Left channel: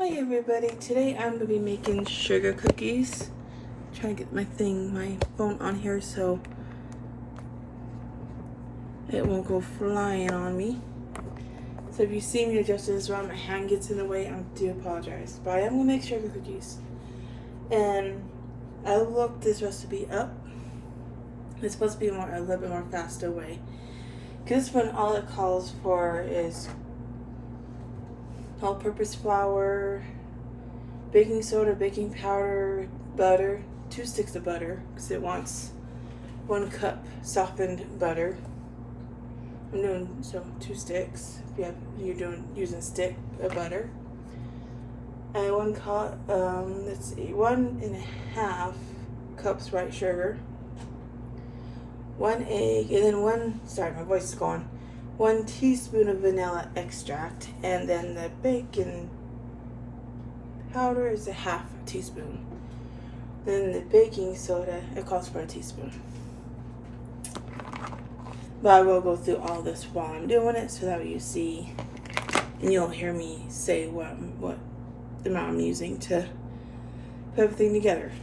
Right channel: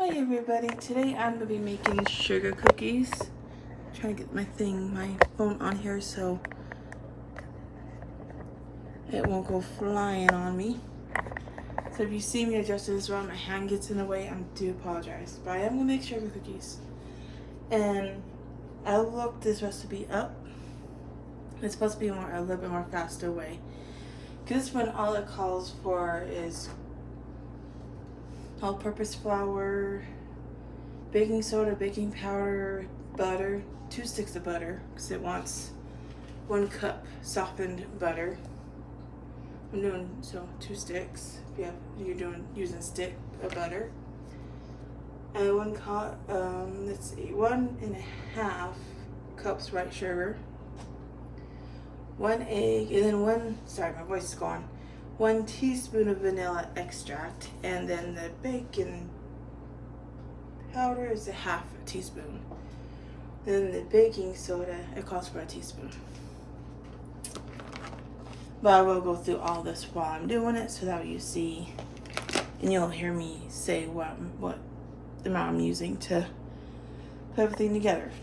Hi everybody, today I'm going to be making sugar cookies. Trying to get my phone on here so it won't go flying on me. So if you see me adjust this wrong, my hand gets in the way, I do apologize. But I am going to make sugar cookies. And I looked this recipe up. It's supposed to be a little bit more faster way. Because this one, all it calls for is all-purpose flour, baking soda, baking powder, butter, 2 sticks of butter, because it wants 1 cup softened butter. I'm doing 2 sticks. If you're using stick of butter. And 1.5 cups white sugar, 1 egg, and then my voice is gone. 1 teaspoon of vanilla extract, and then the baking powder is a 1/2 teaspoon. Then the baking soda, it calls for 1 teaspoon. But I will go through all this while I'm doing it so that you see, and you'll hear me say what amount I'm using to put everything together.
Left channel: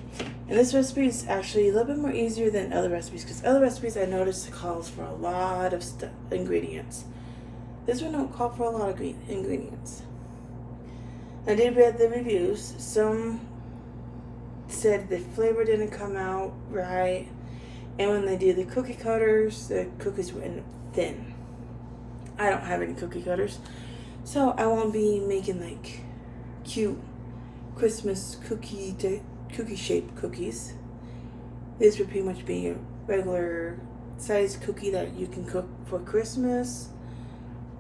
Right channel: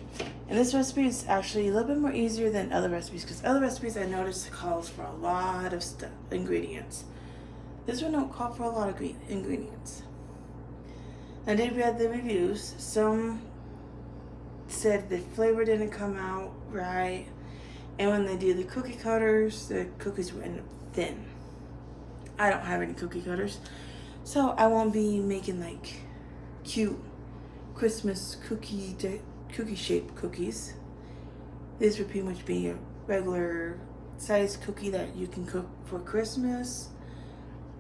And this recipe is actually a little bit more easier than other recipes, because other recipes I noticed calls for a lot of ingredients. This one don't call for a lot of ingredients. I did read the reviews. Some said the flavor didn't come out right, and when they did the cookie cutters, the cookies were thin. I don't have any cookie cutters, so I won't be making like cute Christmas cookie shaped cookies. This would pretty much be a regular size cookie that you can cook for Christmas,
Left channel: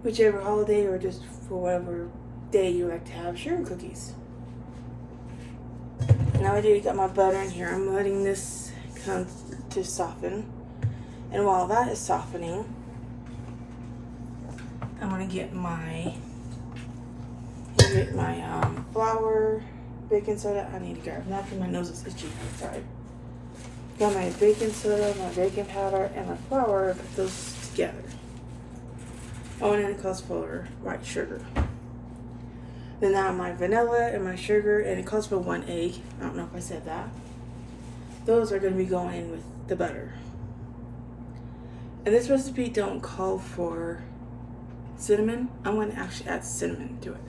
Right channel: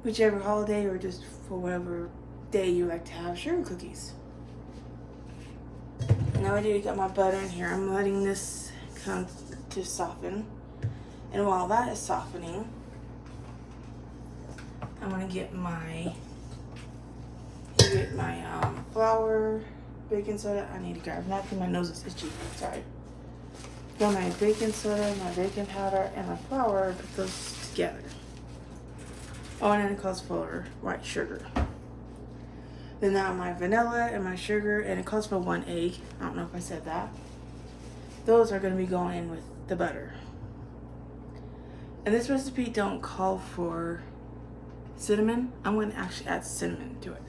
whichever holiday, or just for whatever day you like to have sugar cookies. Now I already got my butter in here. I'm letting this come to soften, and while that is softening, I'm gonna get my flour, baking soda. I need to grab a napkin. My nose is itchy. Sorry. Got my baking soda, my baking powder, and my flour. Put those together. Oh, and then it calls for white sugar. Then now my vanilla and my sugar, and it calls for 1 egg. I don't know if I said that. Those are going to be going in with the butter. And this recipe don't call for cinnamon. I'm going to actually add cinnamon to it.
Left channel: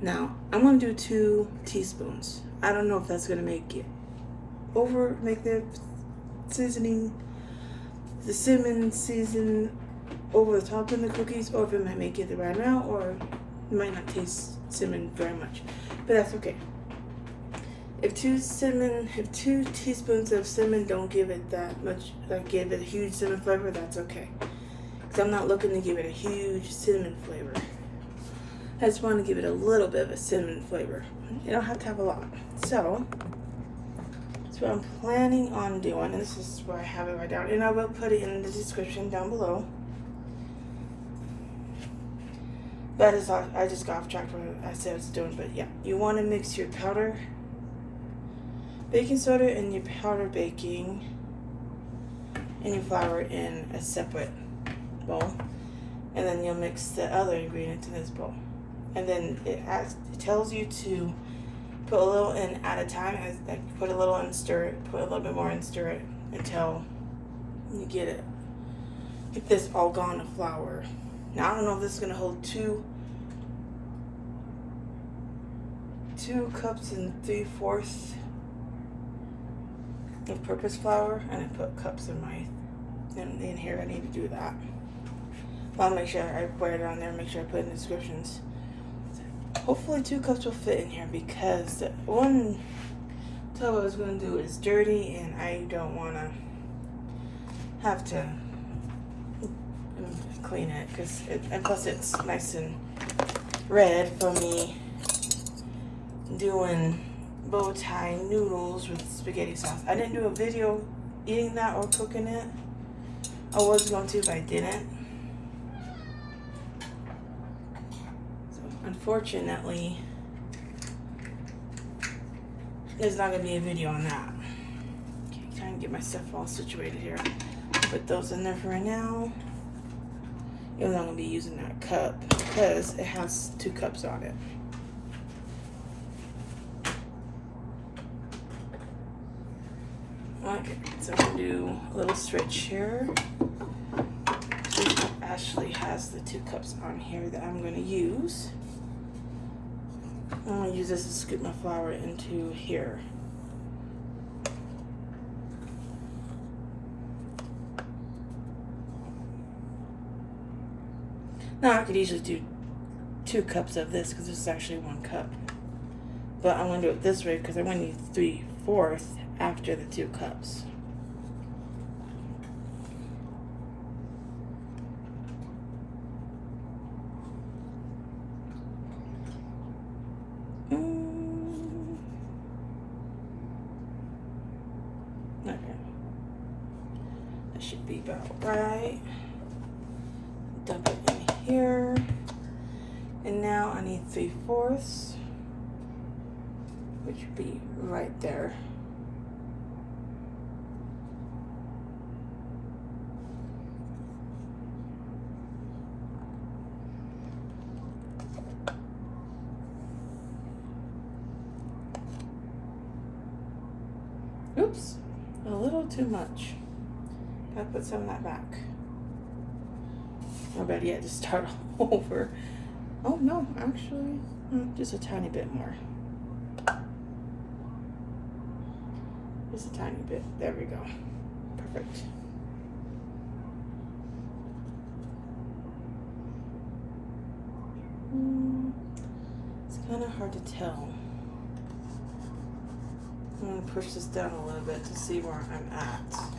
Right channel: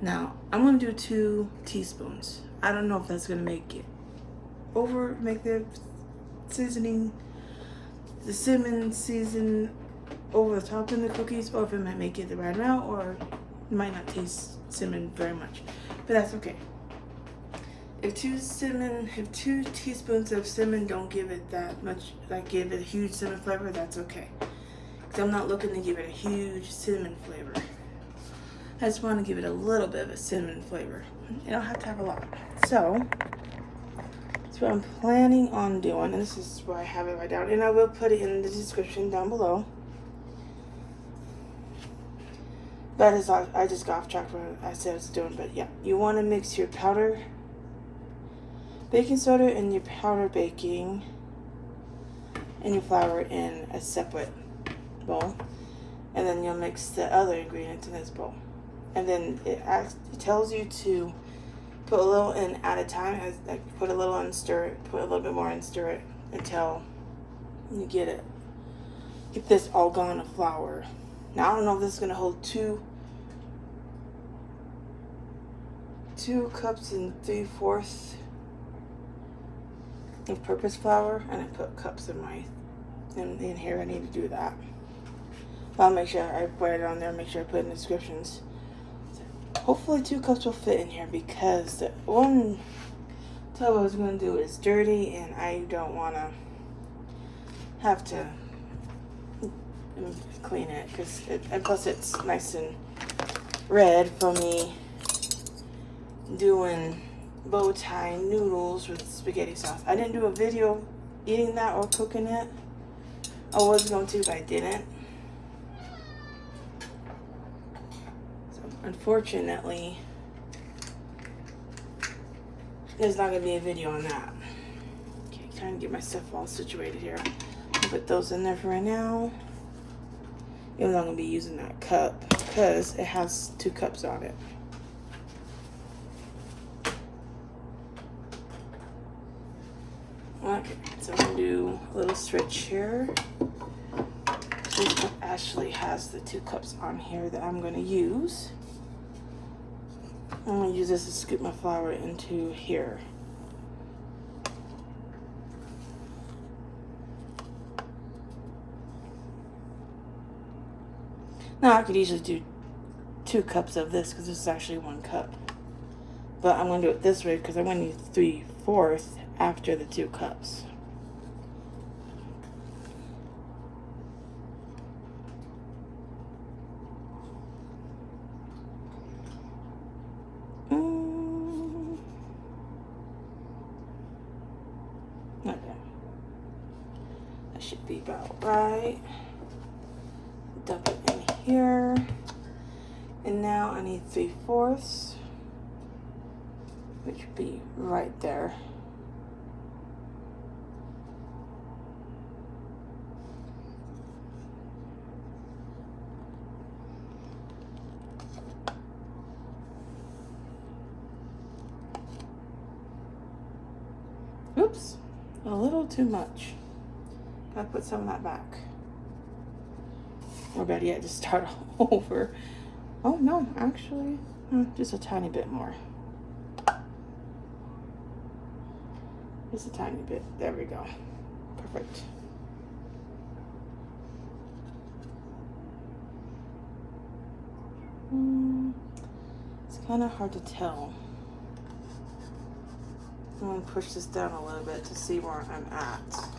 Now, I'm going to do 2 teaspoons. I don't know if that's going to make the seasoning, the cinnamon season over the top of the cookies, or if it might make it the right amount, or it might not taste cinnamon very much. But that's okay. If 2 teaspoons of cinnamon don't give it that much, like give it a huge cinnamon flavor, that's okay. Because I'm not looking to give it a huge cinnamon flavor. I just want to give it a little bit of a cinnamon flavor. You don't have to have a lot. So, that's what I'm planning on doing. And this is where I have it right down. And I will put it in the description down below. But I just got off track from what I said I was doing. But yeah, you want to mix your powder baking soda and your powder baking and your flour in a separate bowl. And then you'll mix the other ingredients in this bowl. And then it tells you to put a little in at a time. Put a little in, stir it, put a little bit more in, stir it until you get this all gone of flour. Now I don't know if this is gonna hold 2 cups and 3/4 of purpose flour, and I put cups in here. I need to do that. I'll make sure I put it on there. Make sure I put it in the descriptions. Hopefully 2 cups will fit in here, because the one tub I was going to do is dirty, and I don't want to have to clean it, and plus it's nice and red from me doing bow tie noodles with spaghetti sauce. I didn't do a video eating that or cooking it. I was going to, but I didn't. Unfortunately, there's not going to be a video on that. Okay, trying to get my stuff all situated here. Put those in there for right now. Even though I'm going to be using that cup because it has 2 cups on it. Okay, so I'm gonna do a little switch here. This actually has the 2 cups on here that I'm gonna use. I'm gonna use this to scoop my flour into here. Now I could easily do 2 cups of this because this is actually 1 cup. But I'm gonna do it this way because I'm gonna need 3/4 after the 2 cups. Okay. That should be about right. Dump it in here. And now I need 3/4, which would be right there. Oops, a little too much. Gotta put some of that back. Or better yet, just start over. Oh no, actually, just a tiny bit more. Just a tiny bit. There we go. Perfect. It's kind of hard to tell. I'm going to push this down a little bit to see where I'm at.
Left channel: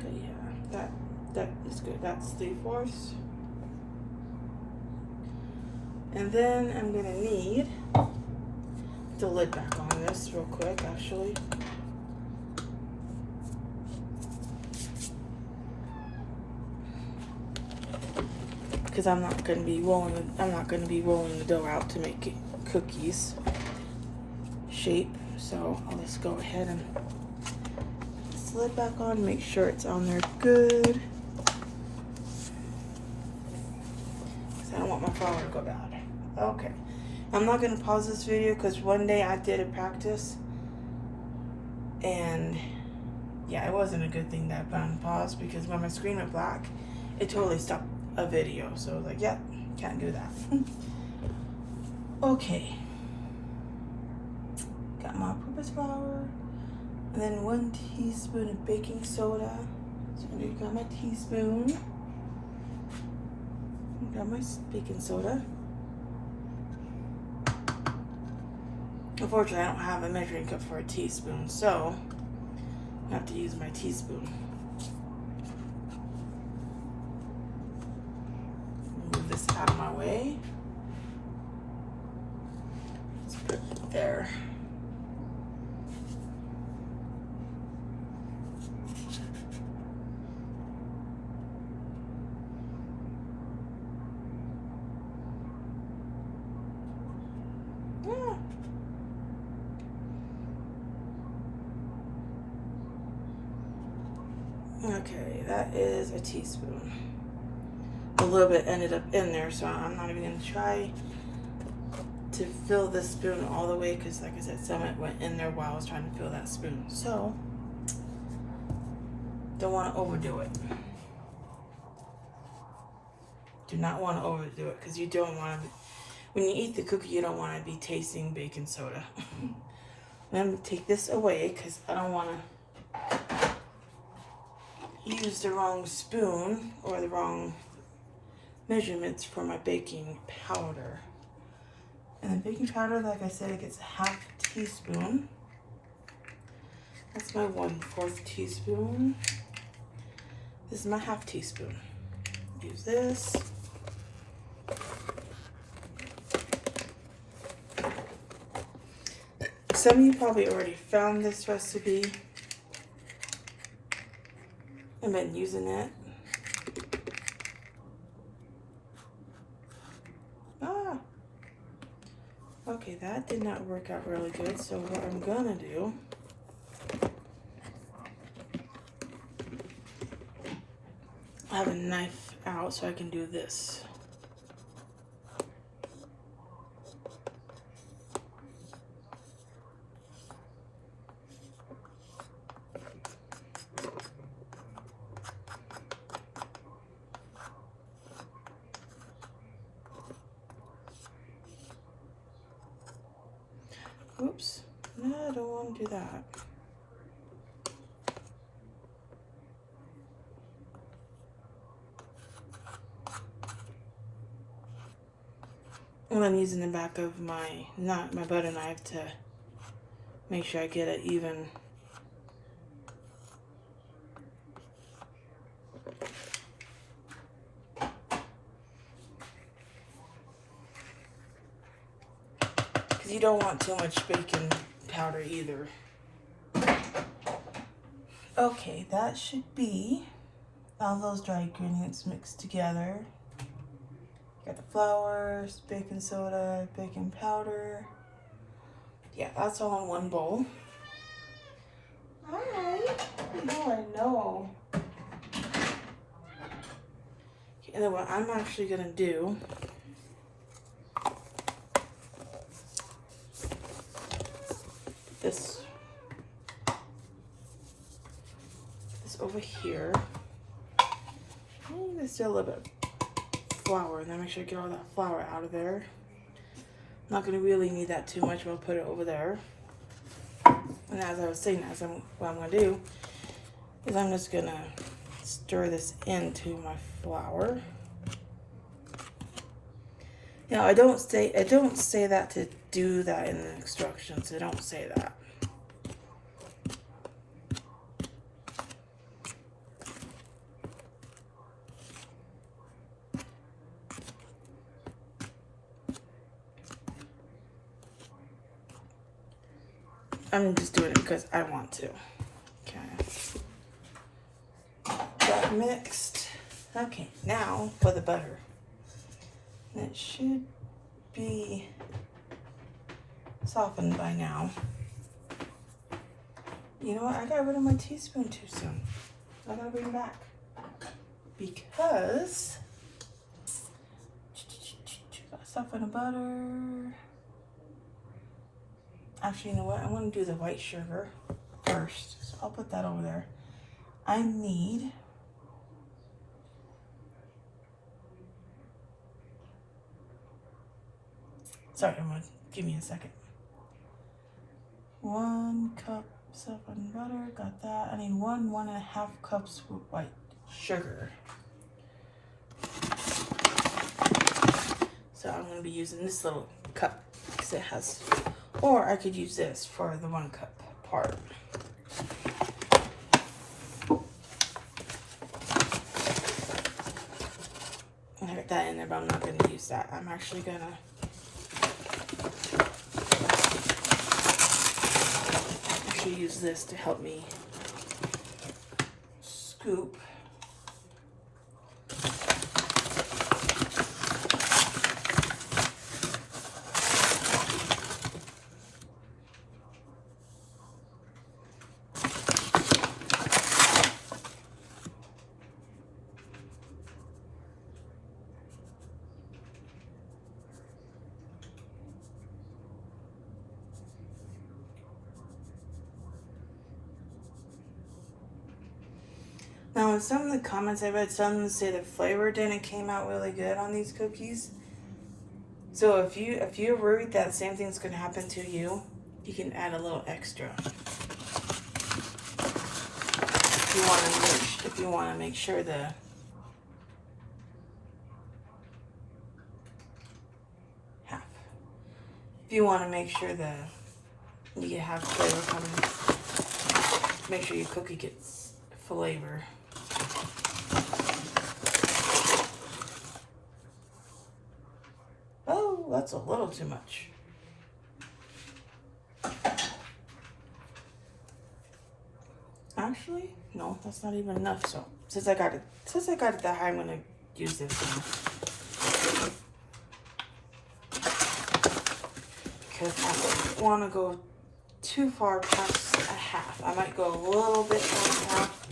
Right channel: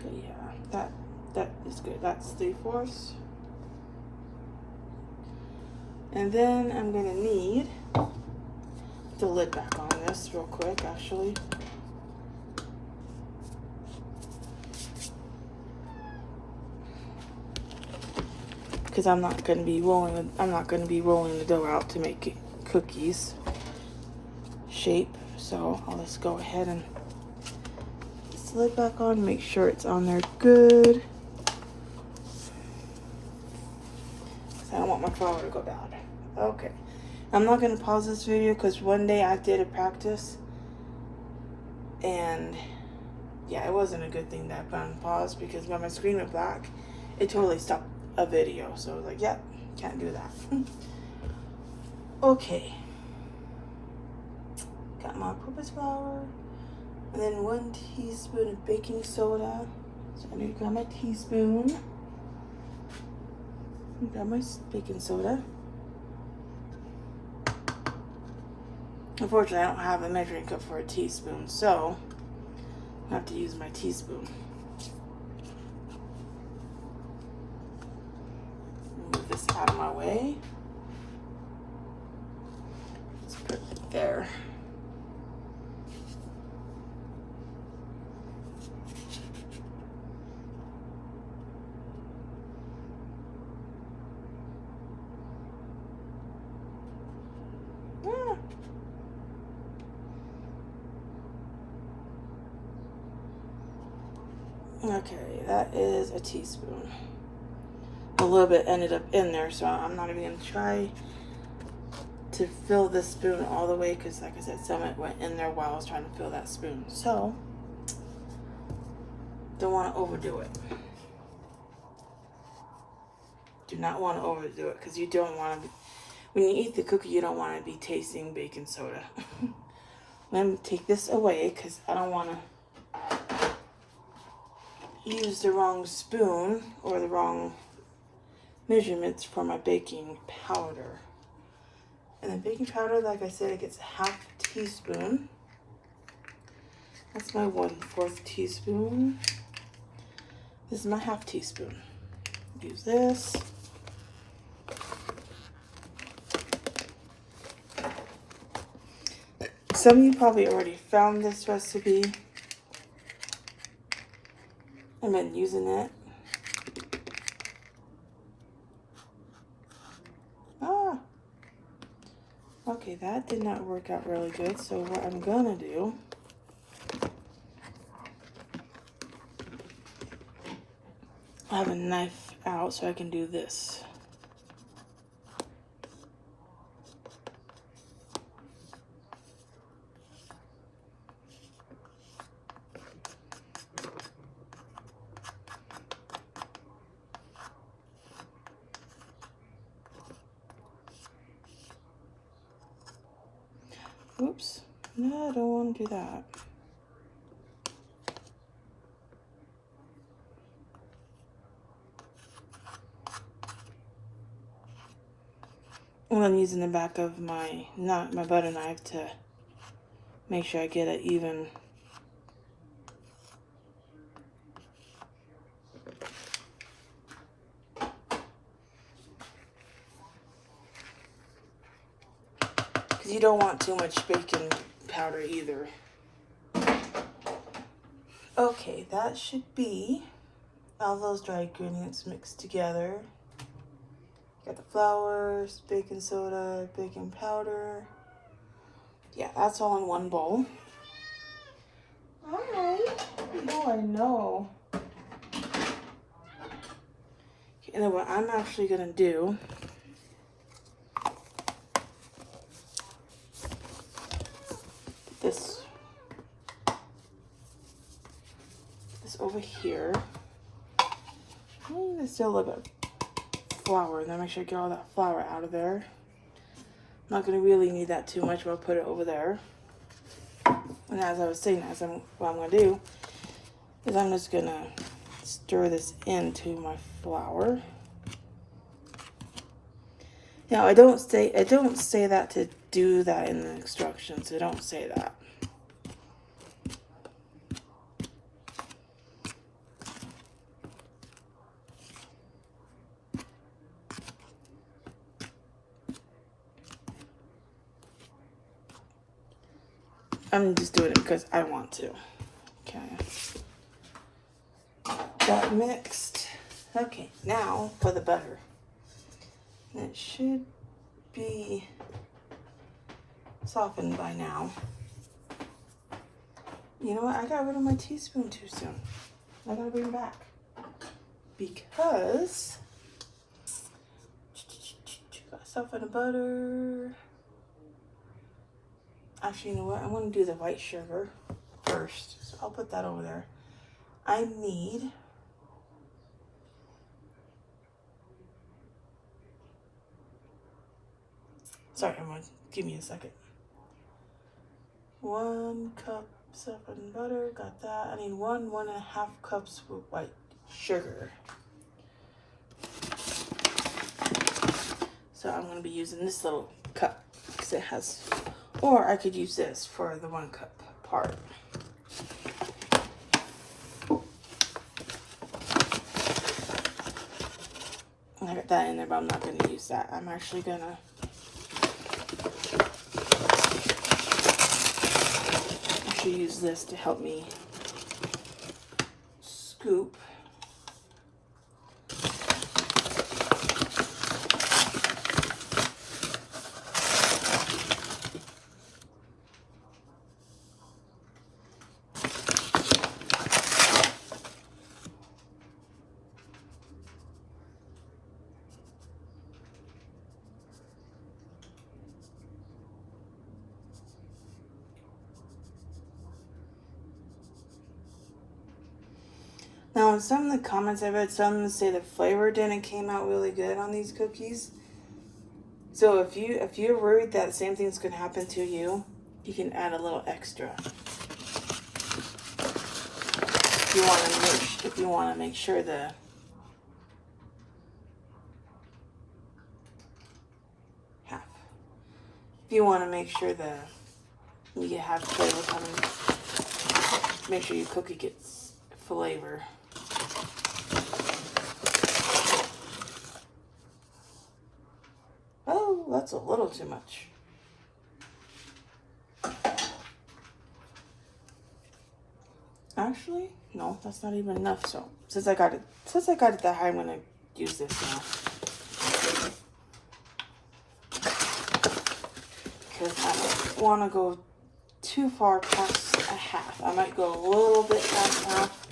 Okay, yeah, that is good. That's 3/4. And then I'm gonna need the lid back on this real quick, actually. Because I'm not gonna be rolling the dough out to make cookies shape. So I'll just go ahead and put the lid back on, make sure it's on there good. I don't want my flour to go bad. Okay, I'm not going to pause this video because one day I did a practice and yeah, it wasn't a good thing that I put on pause because when my screen went black, it totally stopped a video. So I was like, yeah, can't do that. Okay, got my all-purpose flour and then 1 teaspoon of baking soda. So I'm going to grab my teaspoon. Got my baking soda. Unfortunately, I don't have a measuring cup for a teaspoon, so I have to use my teaspoon. Move this out of my way. Let's put it there. Okay, that is a teaspoon. A little bit ended up in there, so I'm not even going to try to fill this spoon all the way because, like I said, some of it went in there while I was trying to fill that spoon. So, don't want to overdo it. Do not want to overdo it because you don't want to, when you eat the cookie, you don't want to be tasting baking soda. Let me take this away because I don't want to use the wrong spoon or the wrong measurements for my baking powder. And the baking powder, like I said, it gets a 1/2 teaspoon. That's my 1/4 teaspoon. This is my 1/2 teaspoon. Use this. Some of you probably already found this recipe and been using it. Okay, that did not work out really good. So what I'm gonna do, I have a knife out so I can do this. Oops, no, I don't want to do that. And I'm using the back of my butter knife to make sure I get it even. Because you don't want too much baking powder either. Okay, that should be all those dry ingredients mixed together. Got the flour, baking soda, baking powder. Yeah, that's all in one bowl. Alright. Oh, I know. And then what I'm actually gonna do, this over here. There's still a little bit of flour, and then make sure I get all that flour out of there. I'm not gonna really need that too much, but I'll put it over there. And as I was saying, what I'm gonna do is I'm just gonna stir this into my flour. Now I don't say that to do that in the instructions. I don't say that. I'm just doing it because I want to. Okay. Got mixed. Okay, now for the butter. It should be softened by now. You know what? I got rid of my teaspoon too soon. I gotta bring it back. Because gotta soften the butter. Actually, you know what? I want to do the white sugar first. So I'll put that over there. I need sorry, give me a second. 1 cup softened butter, got that. I need 1.5 cups of white sugar. So I'm gonna be using this little cup because it has, or I could use this for the 1 cup part. I got that in there, but I'm not gonna use that. I'm actually gonna use this to help me scoop. Now, in some of the comments I read, some of them say the flavor didn't came out really good on these cookies. So if you're worried that same thing's gonna happen to you, you can add a little extra. If you want to make sure the half. If you want to make sure you get half flavor coming, make sure your cookie gets flavor. Oh, that's a little too much. Actually, no, that's not even enough. So since I got it that high, I'm gonna use this now. because I don't want to go too far past a half. I might go a little bit past half,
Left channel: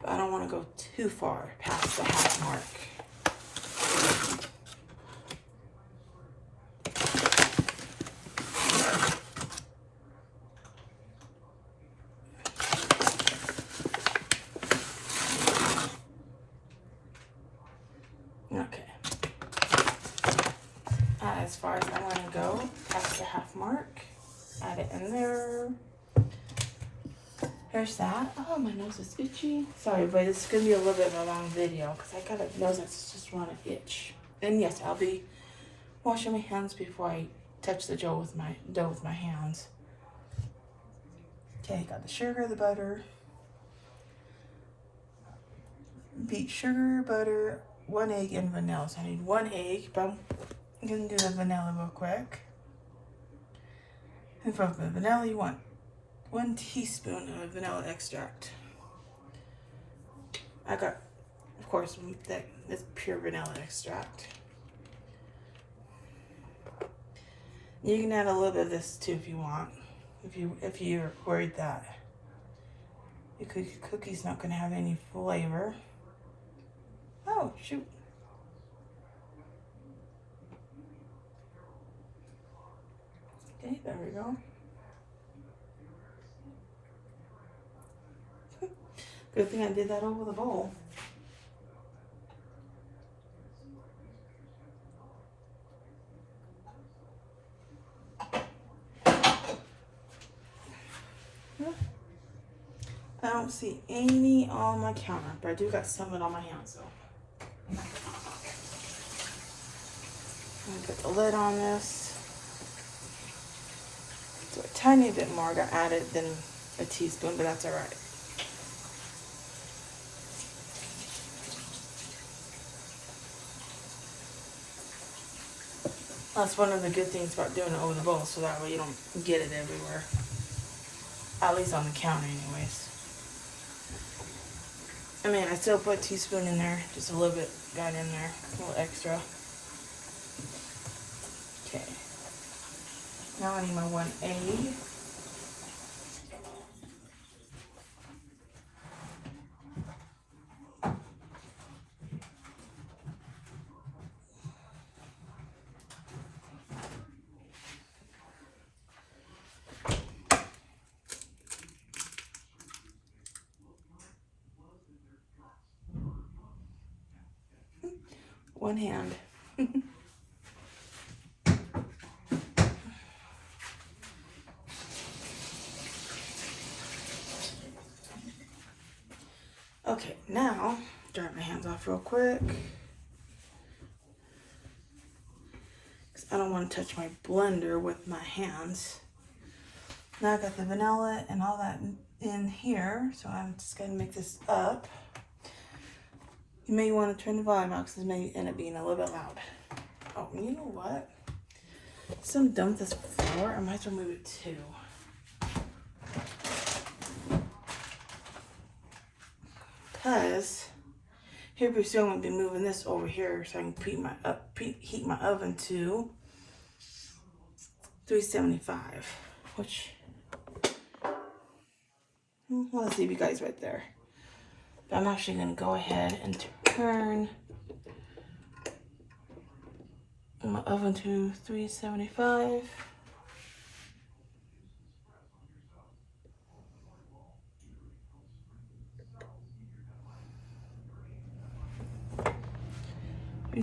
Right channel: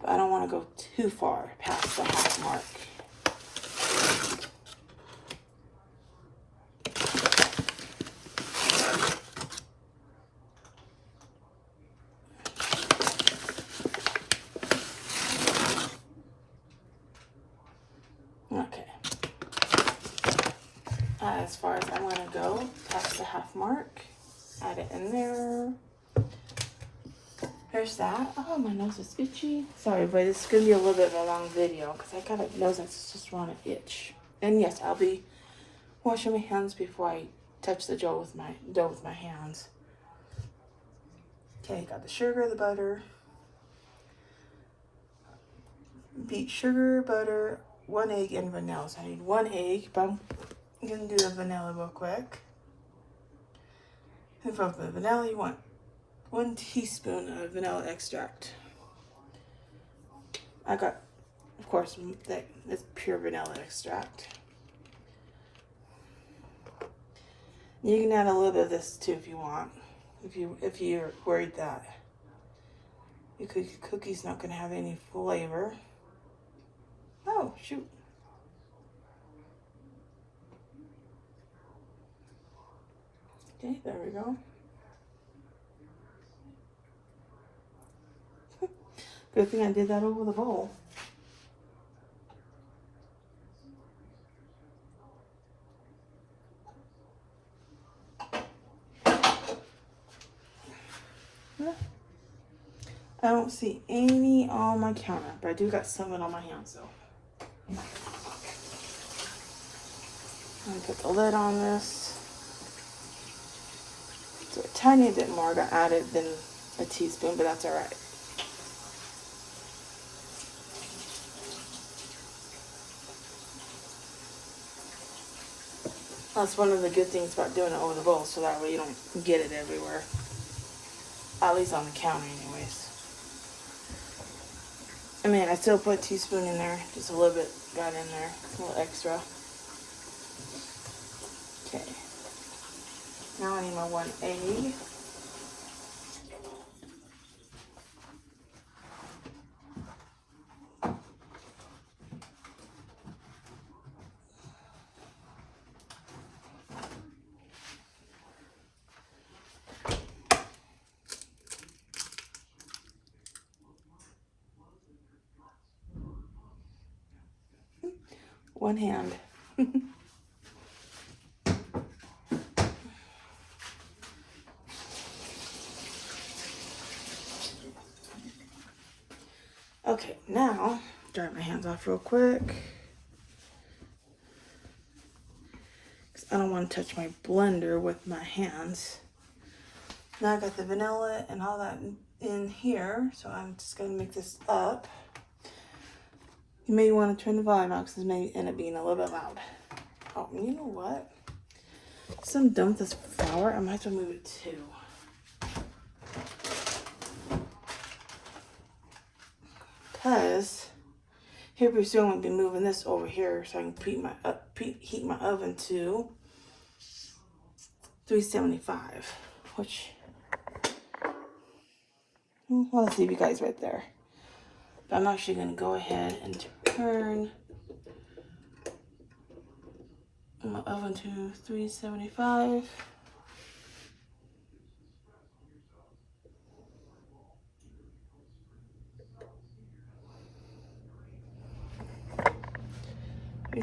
but I don't want to go too far past the half mark. Okay. As far as I'm going to go, past the half mark, add it in there. There's that. Oh, my nose is itchy. Sorry, but it's going to be a little bit of a long video because I got a nose that's just want to itch. And yes, I'll be washing my hands before I touch the dough with my hands. Okay, got the sugar, the butter. Beat sugar, butter, 1 egg, and vanilla. So I need 1 egg, but I'm going to do the vanilla real quick. And for the vanilla, you want 1 teaspoon of vanilla extract. I got, of course, that's pure vanilla extract. You can add a little bit of this too if you want. If you're worried that your cookie's not going to have any flavor. Oh, shoot. Okay, there we go. Good thing I did that over the bowl. I don't see any on my counter, but I do got some on my hands though. I'm gonna put the lid on this. So a tiny bit more got added than a teaspoon, but that's all right. That's one of the good things about doing it over the bowl, so that way you don't get it everywhere. At least on the counter anyways. I mean, I still put a teaspoon in there, just a little bit got in there, a little extra. Okay. Now I need my 1 egg. One hand. Okay, now dry my hands off real quick. Because I don't want to touch my blender with my hands. Now I got the vanilla and all that in here, so I'm just going to mix this up. You may want to turn the volume out because this may end up being a little bit loud. Oh, you know what? Since I'm done with this flour, I might as well move it too. Because here pretty soon I'm going to be moving this over here so I can preheat my oven to 375, which I'll leave you guys right there. But I'm actually going to go ahead and turn my oven to 375.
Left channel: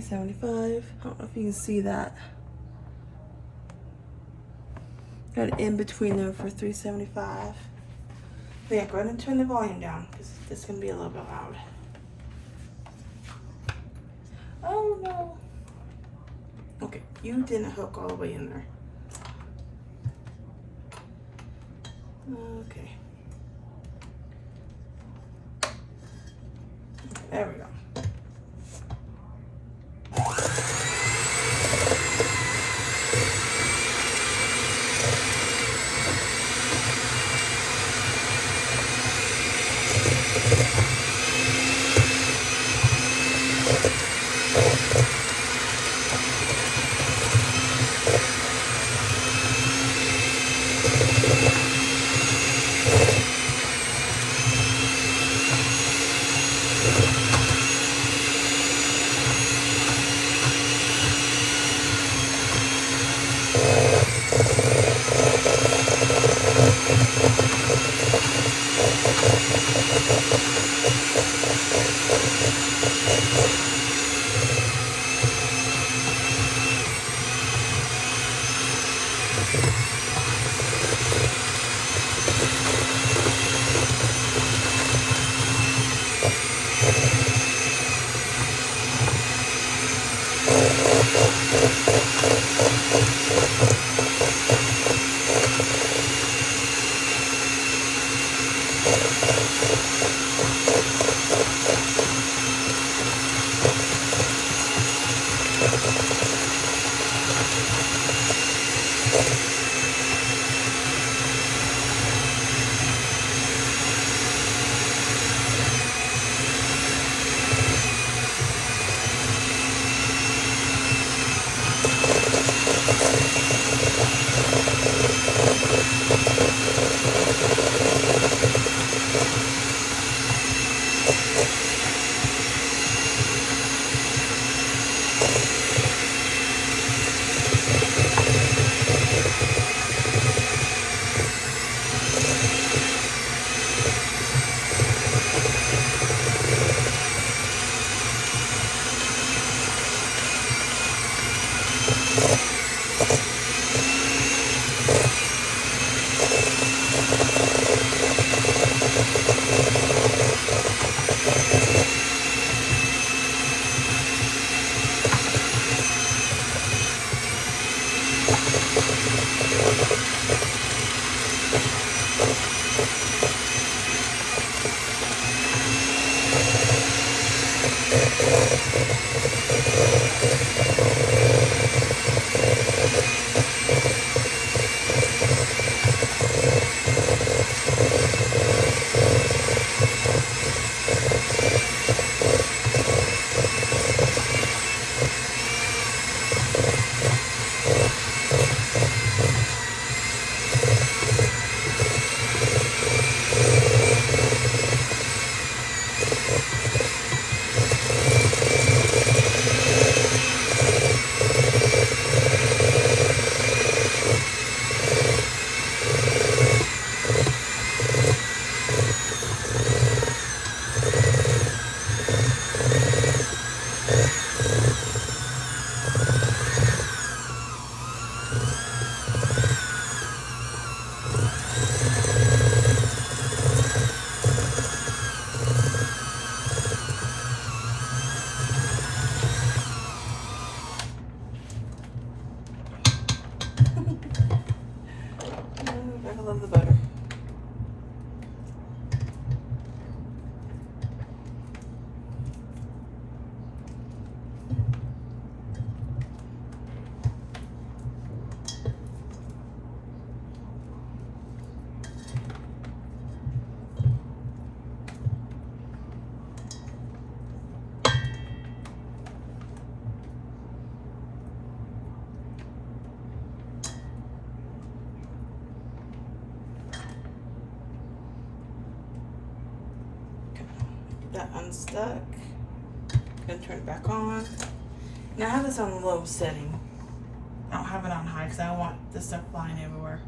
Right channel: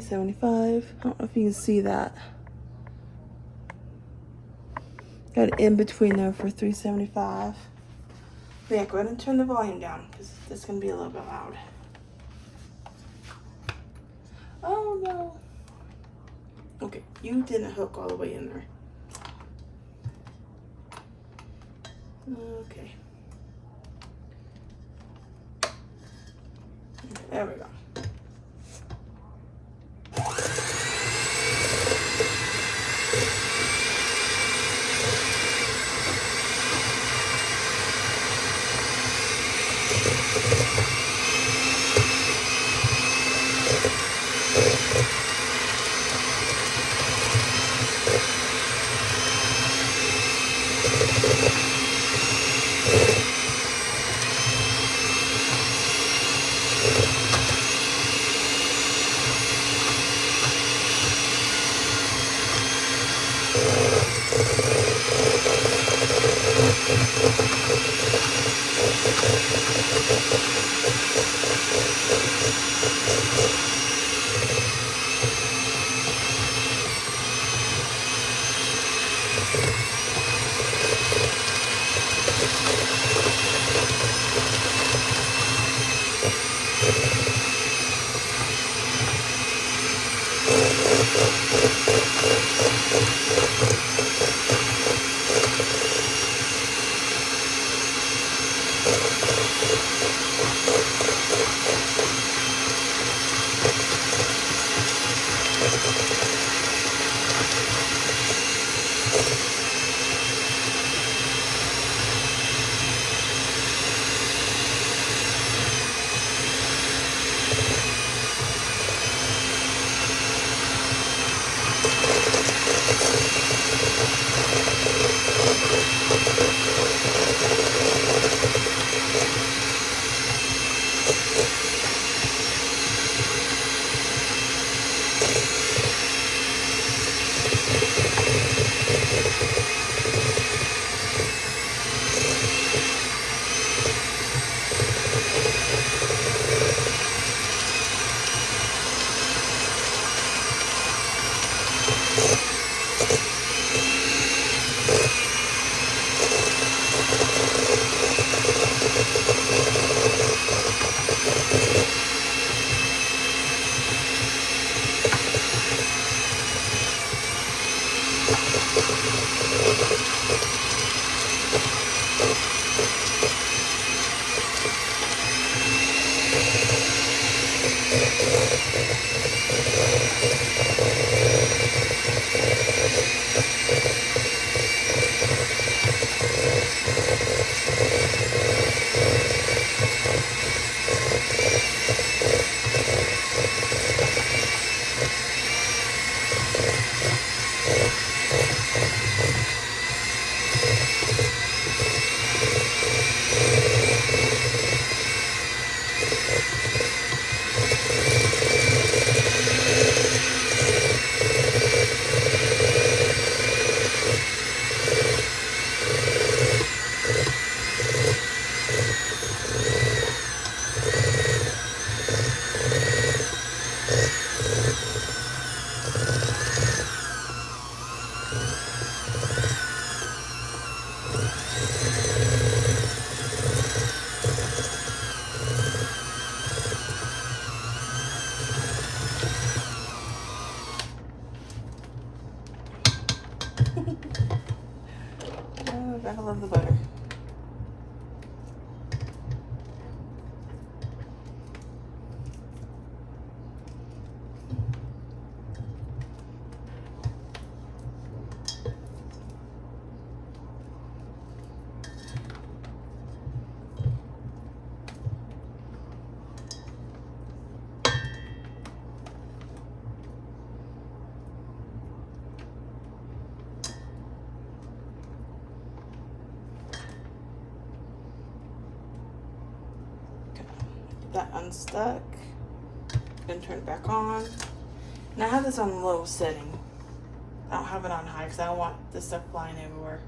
I don't know if you can see that. Got it in between there for 375. But yeah, go ahead and turn the volume down because this can be a little bit loud. Oh no. Okay, you didn't hook all the way in there. Okay. There we go. Oh, gotta love the butter. That unstuck. Then turn it back on. Now I have this on low setting. I don't have it on high because I don't want this stuff flying everywhere.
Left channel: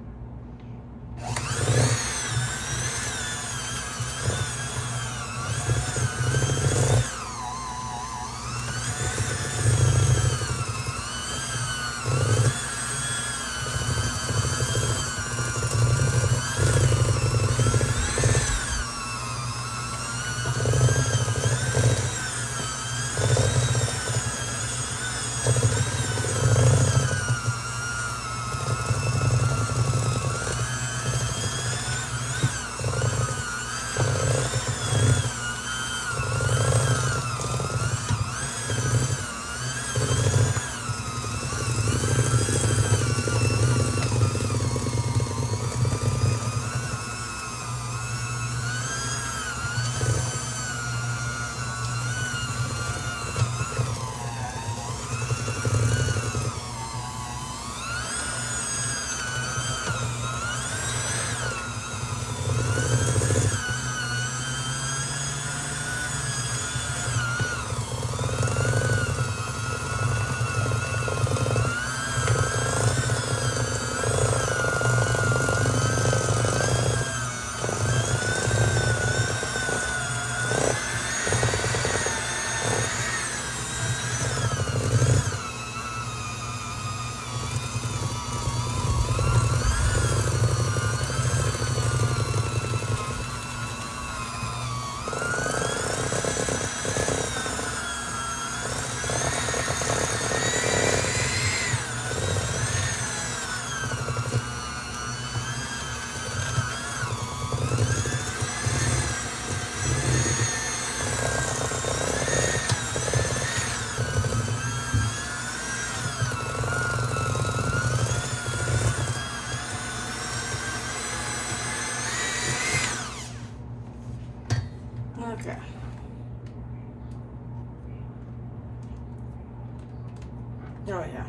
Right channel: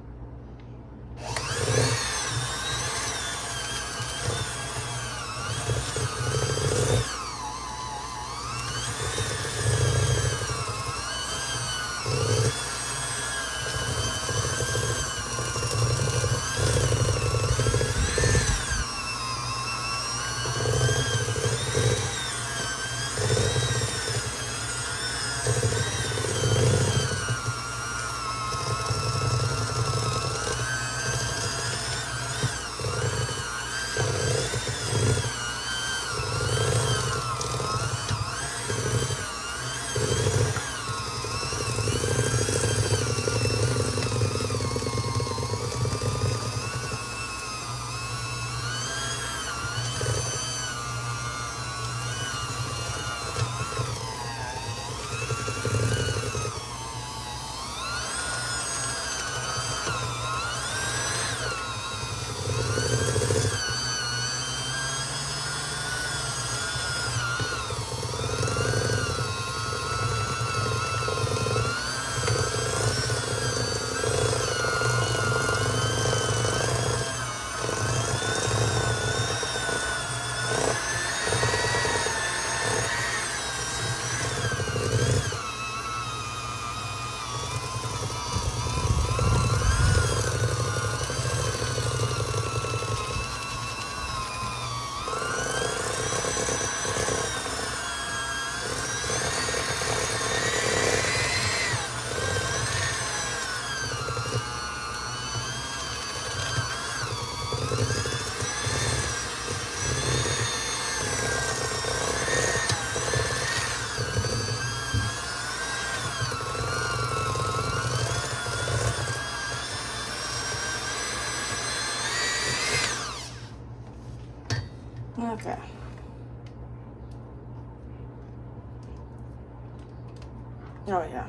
Oh yeah.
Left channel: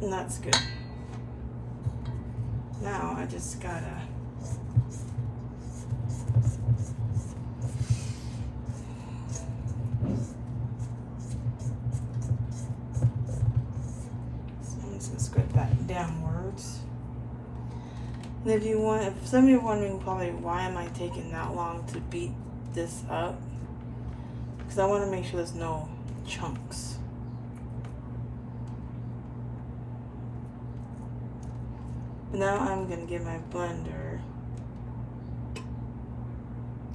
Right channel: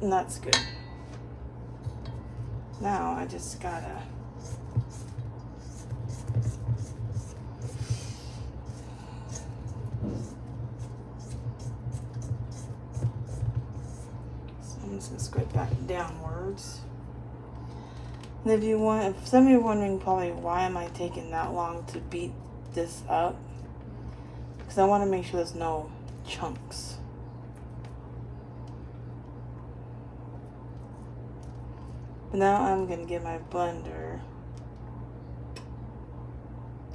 And that's good. Now I just gotta I'm just gonna scrape that downwards. And if some of you are wondering probably why am I taking that long to beat this up, because I want to make sure there's no chunks. Now I'm gonna give my blender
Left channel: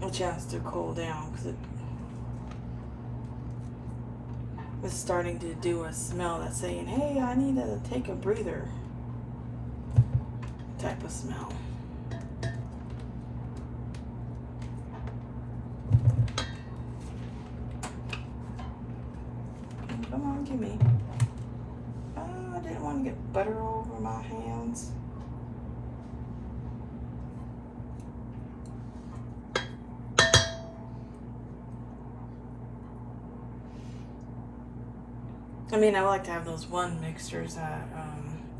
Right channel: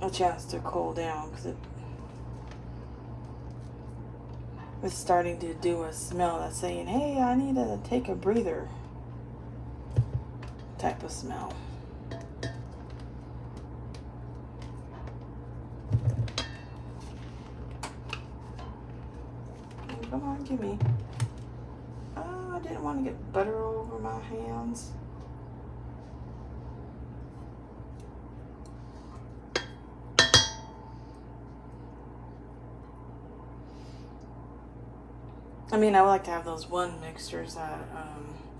a chance to cool down, because it's starting to do a smell that's saying, hey, I need to take a breather type of smell. Come on, give me. Oh, I didn't want to get butter all over my hands. I mean, I would like to have those one mixtures that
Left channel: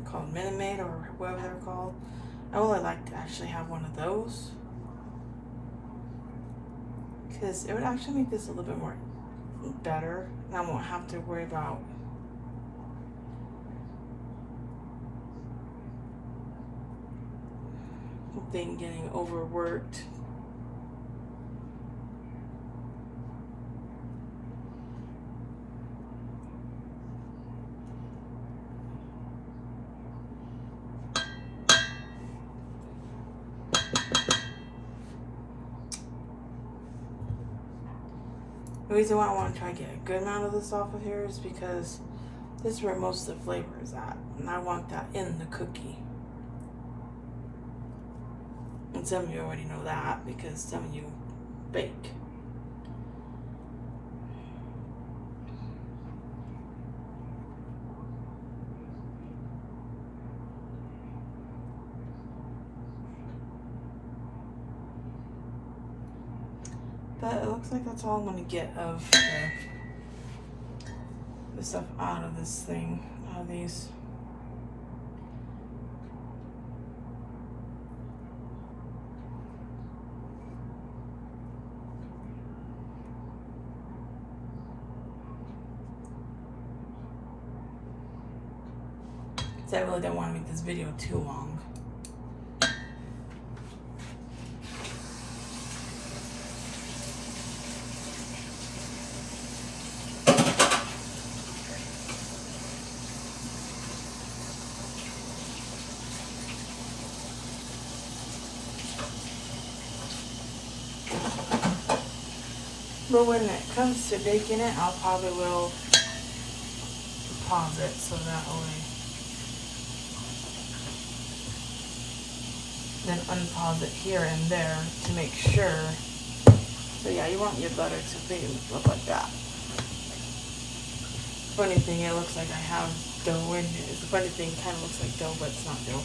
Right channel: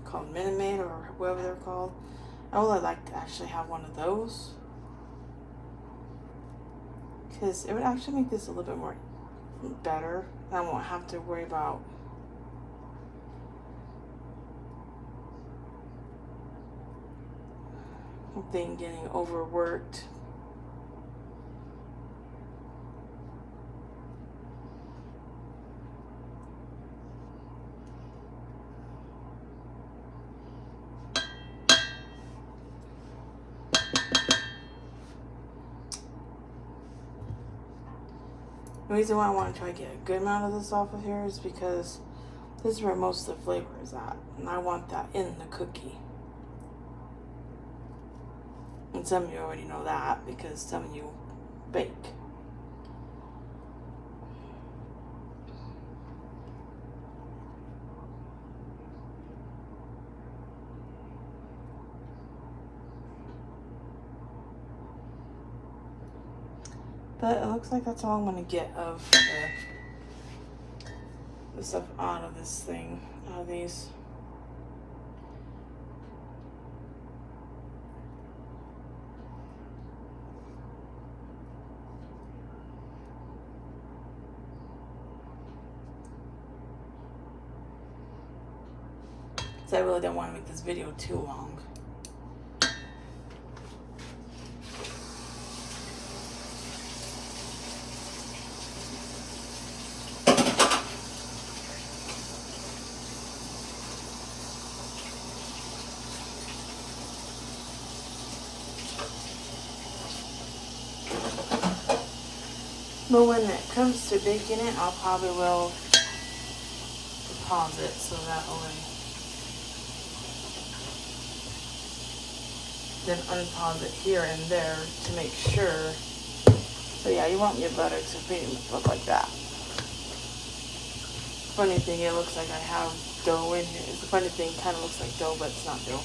called Minute Maid or whatever they're called. I would like to actually have one of those, because it would actually make this a little bit more better. I won't have to worry about thing getting overworked. The reason why I want to try to get a good amount of this off of here is because this is where most of the flavor is at, and I want that in the cookie. And some of you already know that because some of you bake. But it looks like that's all I'm going to get of the stuff out of this thing, out of these. So I really don't want to make this video too long. But when it comes to baking it, I'll probably will pause it so that way. Then unpause it here and there to make sure. So yeah, you want your butter to look like that. Funny thing, it looks like I have dough in it. The funny thing, kind of looks like dough, but it's not dough.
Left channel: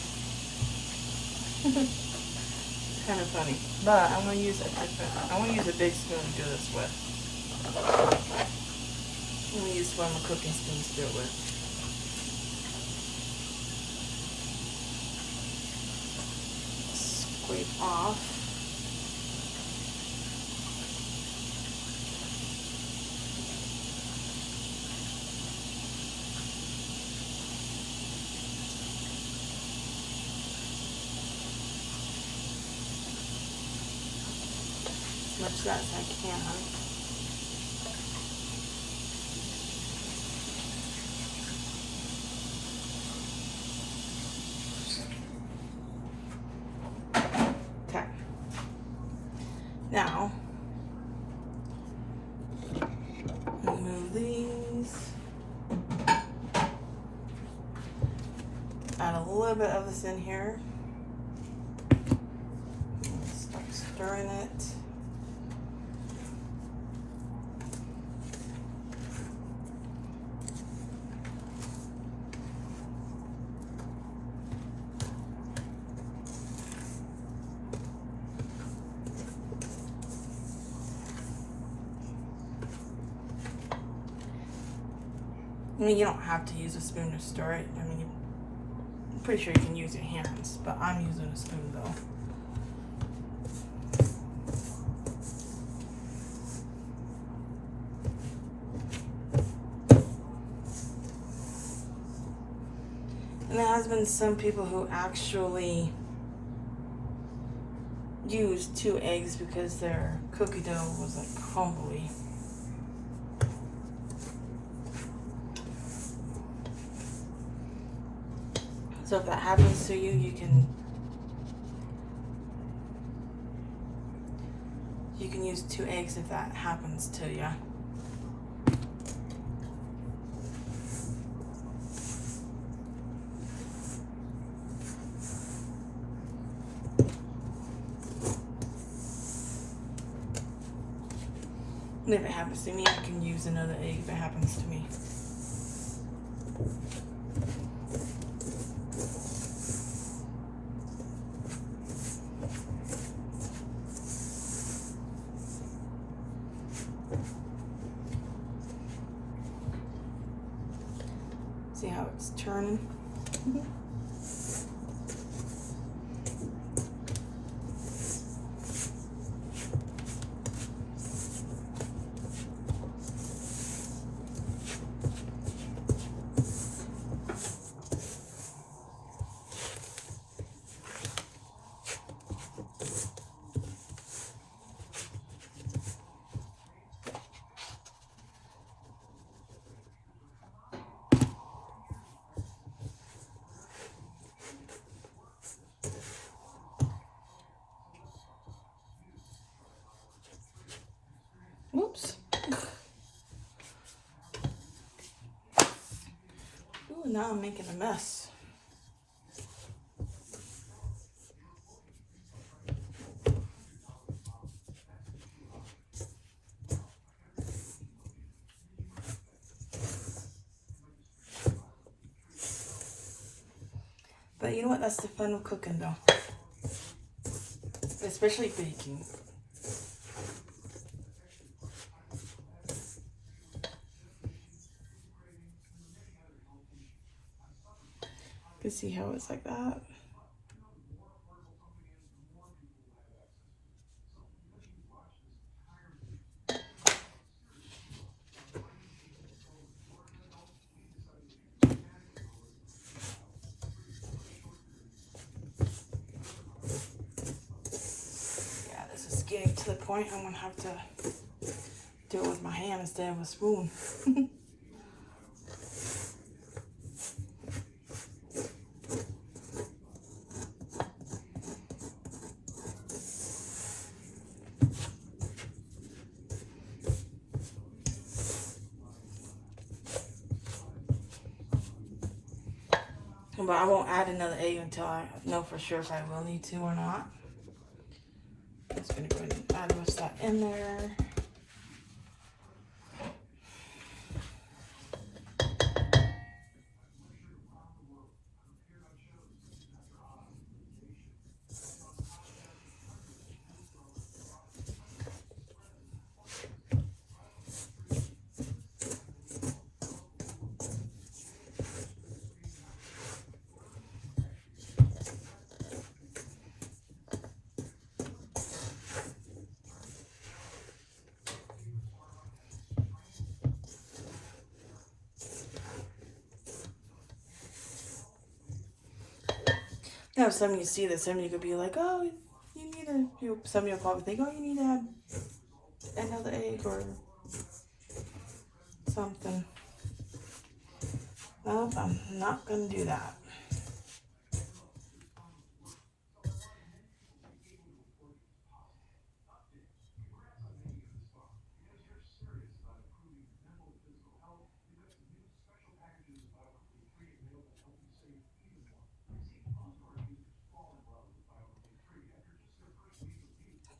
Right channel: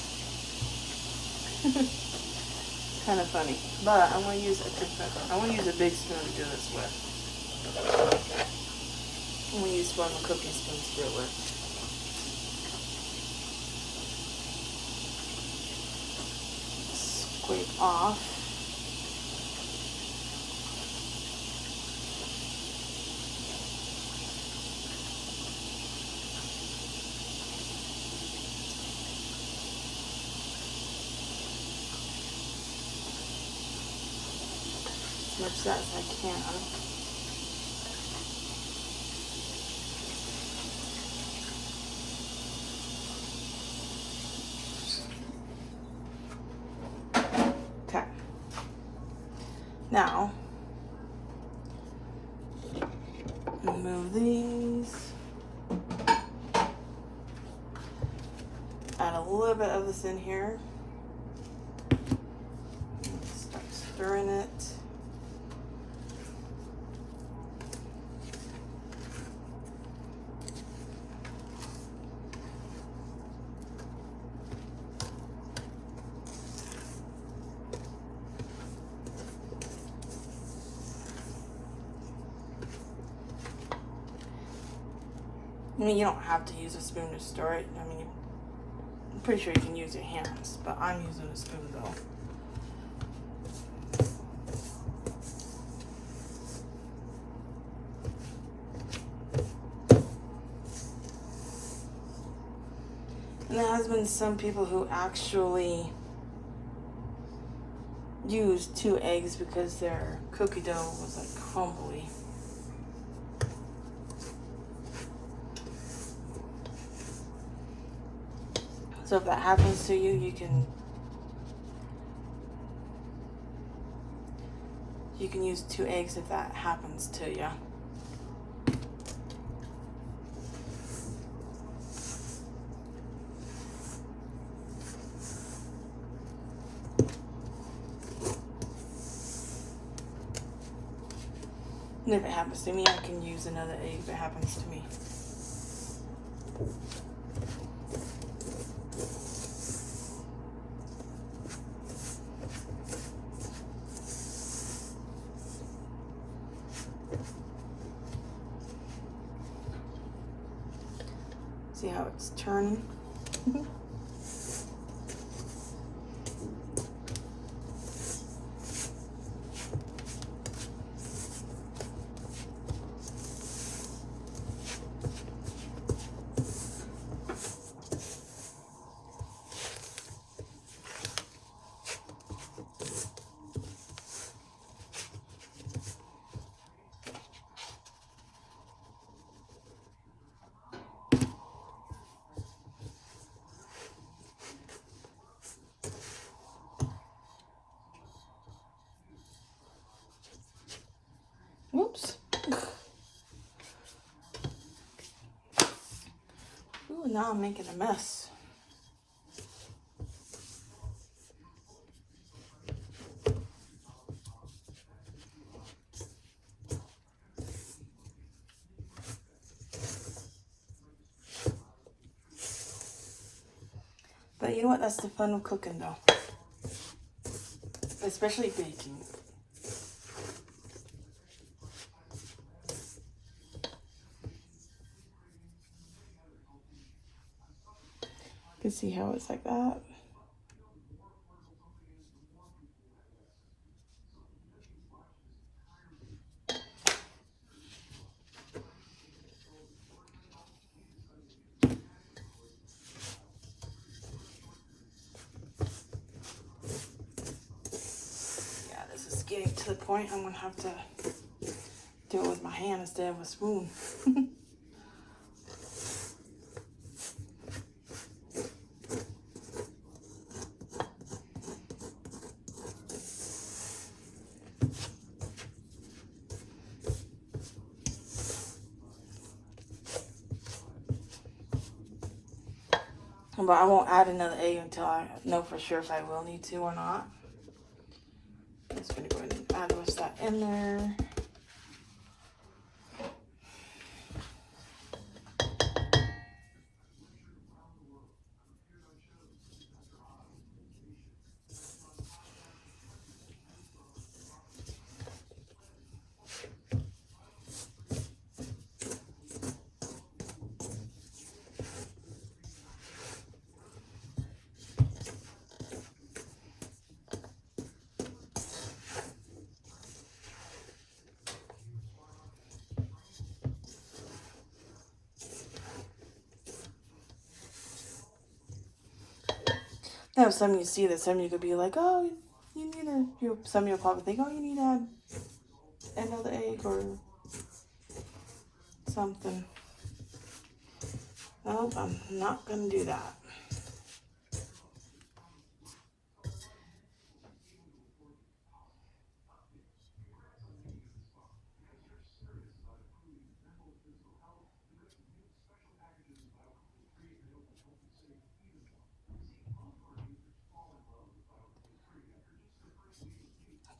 Kind of funny, but I'm gonna use a big spoon to do this with. I'm gonna use one of my cooking spoons to do it with. Scrape off. As much of that as I can, huh? Okay. Now, move these. Add a little bit of this in here. Start stirring it. I mean, you don't have to use a spoon to stir it. I mean, I'm pretty sure you can use your hands, but I'm using a spoon though. And there has been some people who actually use 2 eggs because their cookie dough was like crumbly. So if that happens to you, you can use 2 eggs if that happens to you. And if it happens to me, I can use another egg if it happens to me. See how it's turning? Whoops. Ooh, now I'm making a mess. But you know what? That's the fun of cooking though. Especially baking. You can see how it's like that. Yeah, this is getting to the point I'm gonna have to do it with my hand instead of a spoon. But I won't add another egg until I know for sure if I will need to or not. I'm just gonna go ahead and add the rest of that in there. Now, some of you see this, some of you could be like, oh, you need some of you will probably think, oh, you need to add another egg or something. Nope, I'm not going to do that.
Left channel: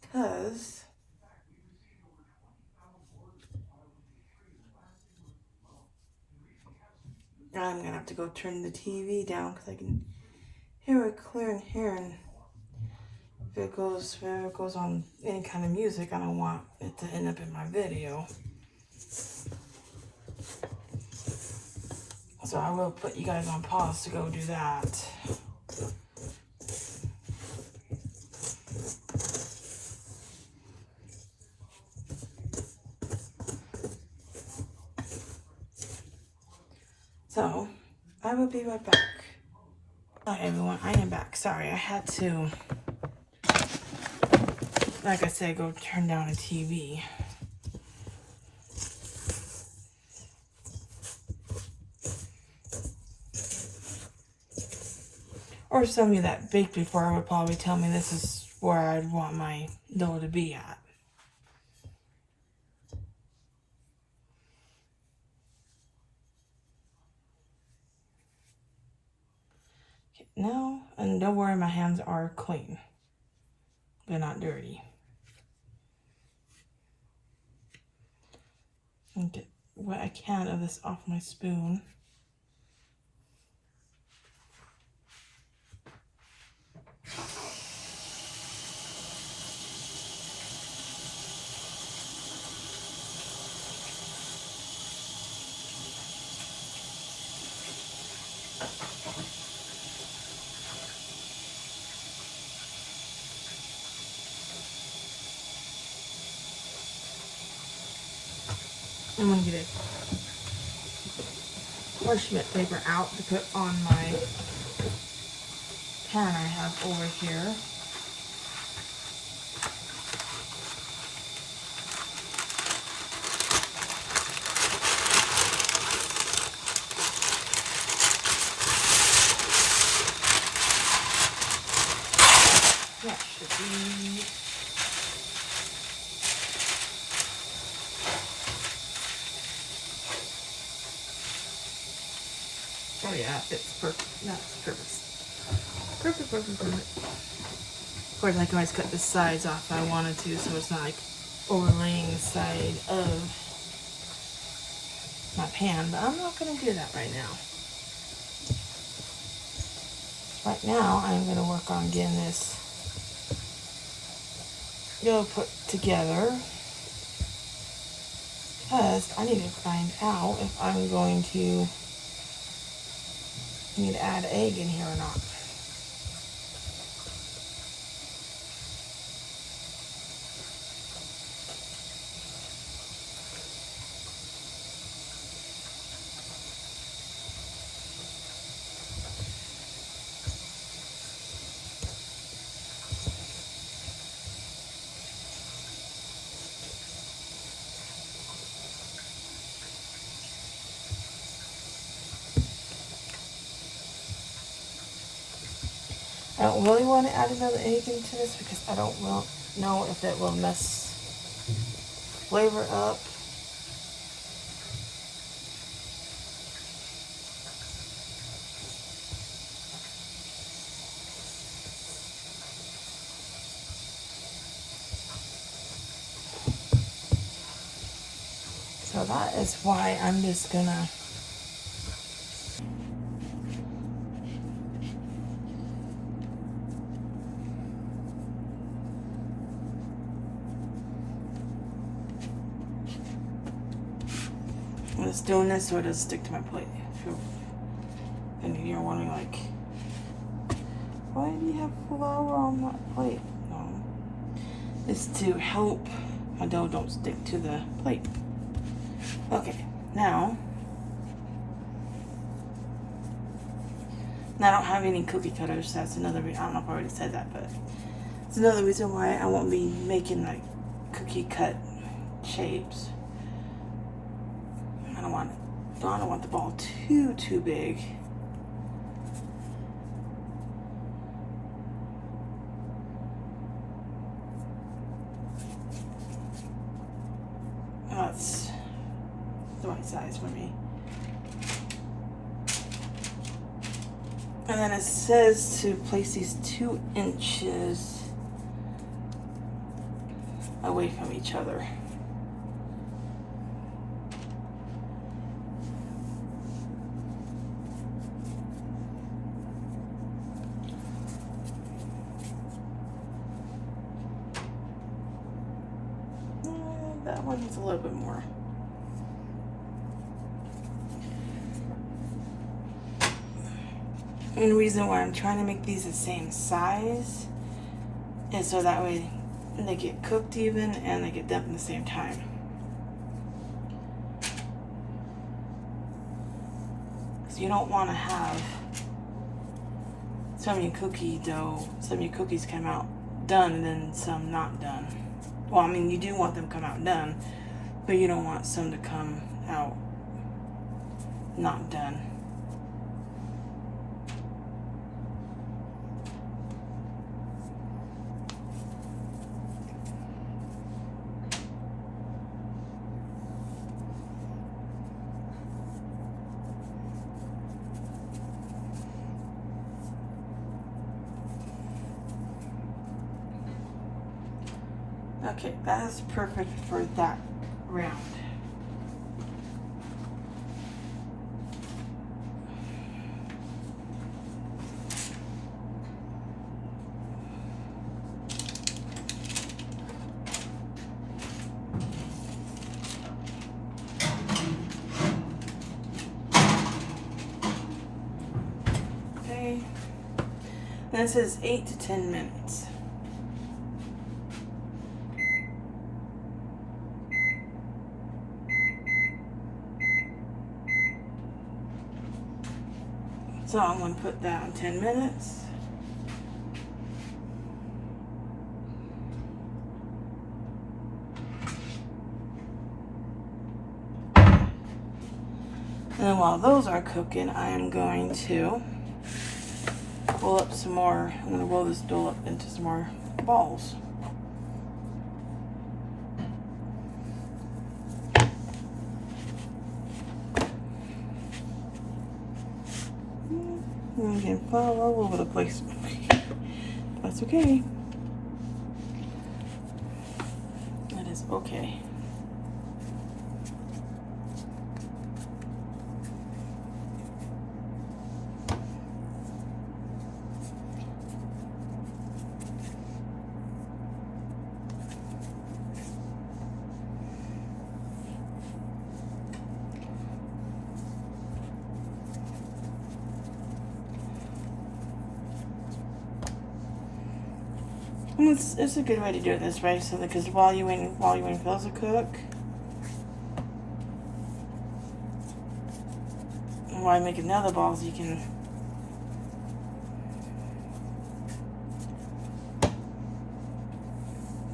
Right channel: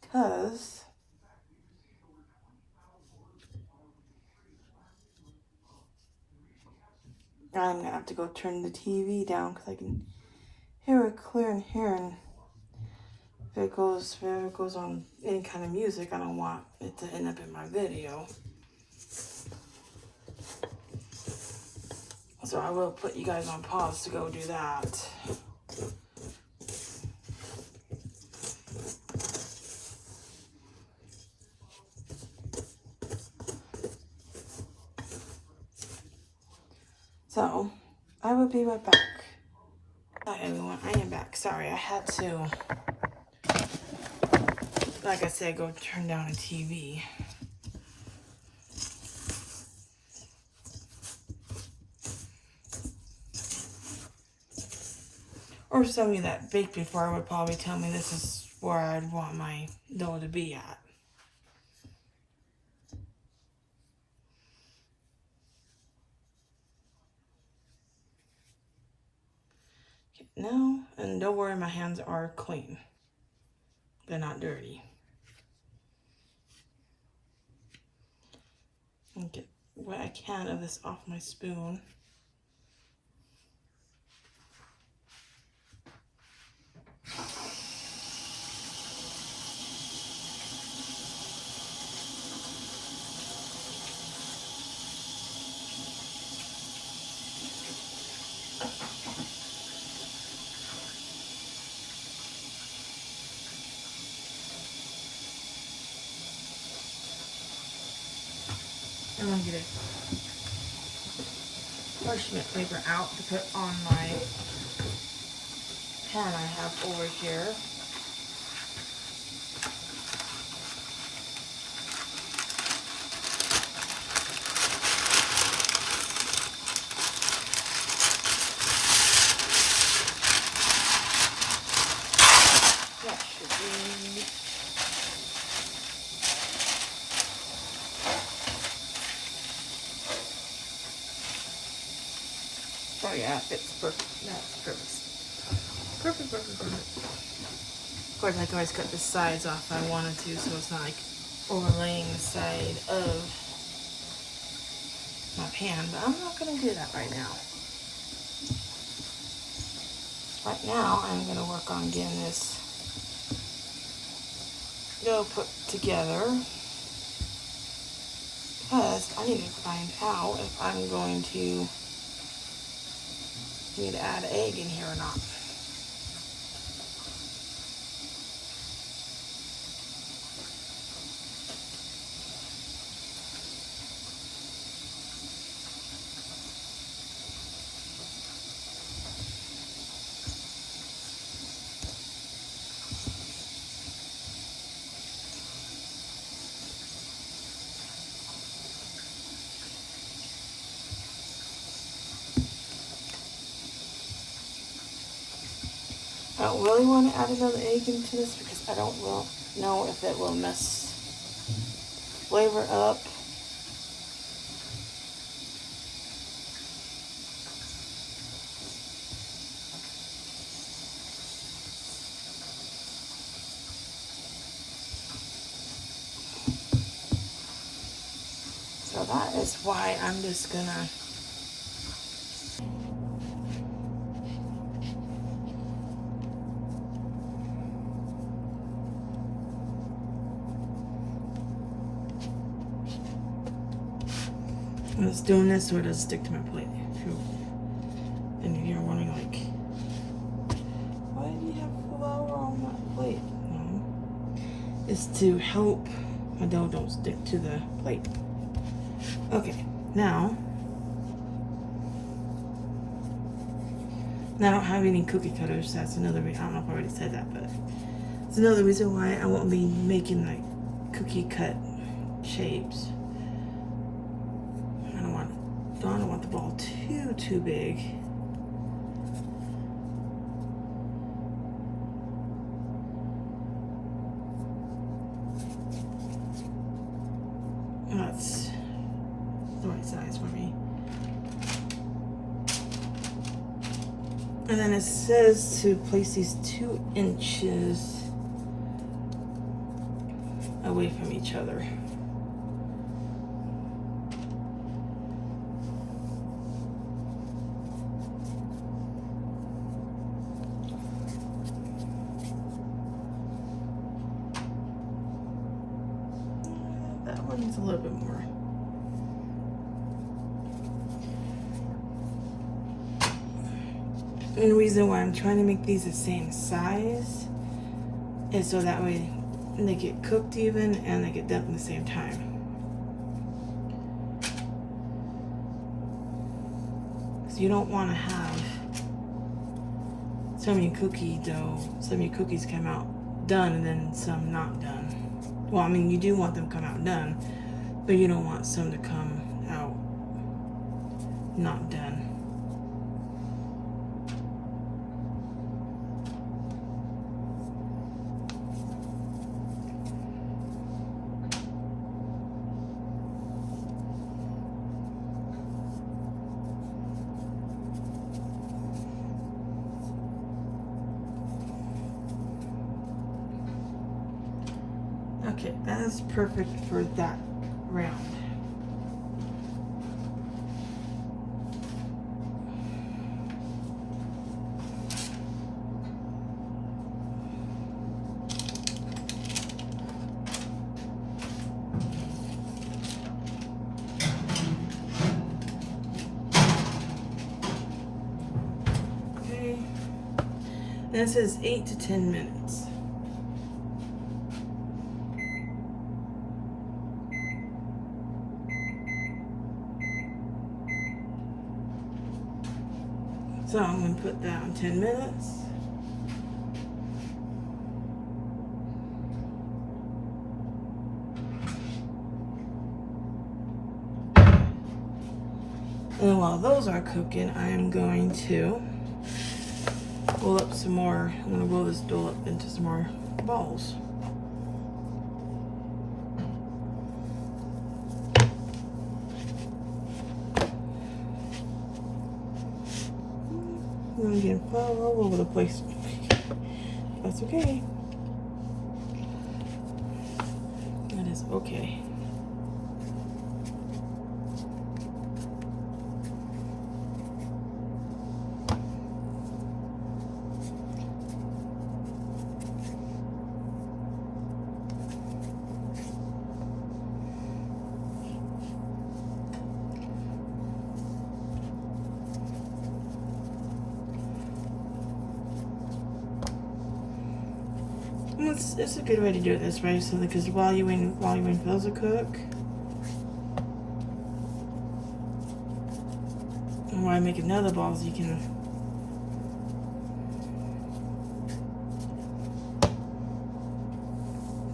Because I'm going to have to go turn the TV down because I can hear it clear in here. And if it goes on any kind of music, I don't want it to end up in my video. So I will put you guys on pause to go do that. So I will be right back. Hi everyone, I am back. Sorry, I had to, like I said, go turn down a TV. Or some of you that baked before would probably tell me this is where I'd want my dough to be at. Okay, now, and don't worry, my hands are clean. They're not dirty. And get what I can of this off my spoon. I'm gonna get a parchment paper out to put on my pan I have over here. That should be. Oh yeah, it's perfect. That's perfect. Perfect, perfect, perfect. Of course, I can always cut the sides off if I wanted to, so it's not like overlaying the side of my pan, but I'm not going to do that right now. Right now, I'm going to work on getting this dough put together, because I need to find out if I'm going to need to add egg in here or not. I don't really want to add another egg into this because I don't know if it will mess flavor up. So that is why I'm just gonna I'm just doing this so it doesn't stick to my plate. And if you're wondering, like, why do you have flour on that plate? No. It's to help my dough don't stick to the plate. Okay, now I don't have any cookie cutters. So that's another reason. I don't know if I already said that, but it's another reason why I won't be making like cookie cut shapes. I don't want the ball too big. That's the right size for me. And then it says to place these 2 inches away from each other. That one needs a little bit more. And the reason why I'm trying to make these the same size is so that way they get cooked even and they get done at the same time. So you don't want to have some of your cookie dough, some of your cookies come out done and then some not done. Well, I mean, you do want them to come out done, but you don't want some to come out not done. Okay, that is perfect for that round. Okay, and this is 8 to 10 minutes. So I'm going to put that on 10 minutes. And while those are cooking, I am going to roll up some more. I'm going to roll this dough up into some more balls. I'm getting flour all over the place. That's okay. That is okay. It's a good way to do it this way, so because while you wait for those to cook, and while you make another balls, you can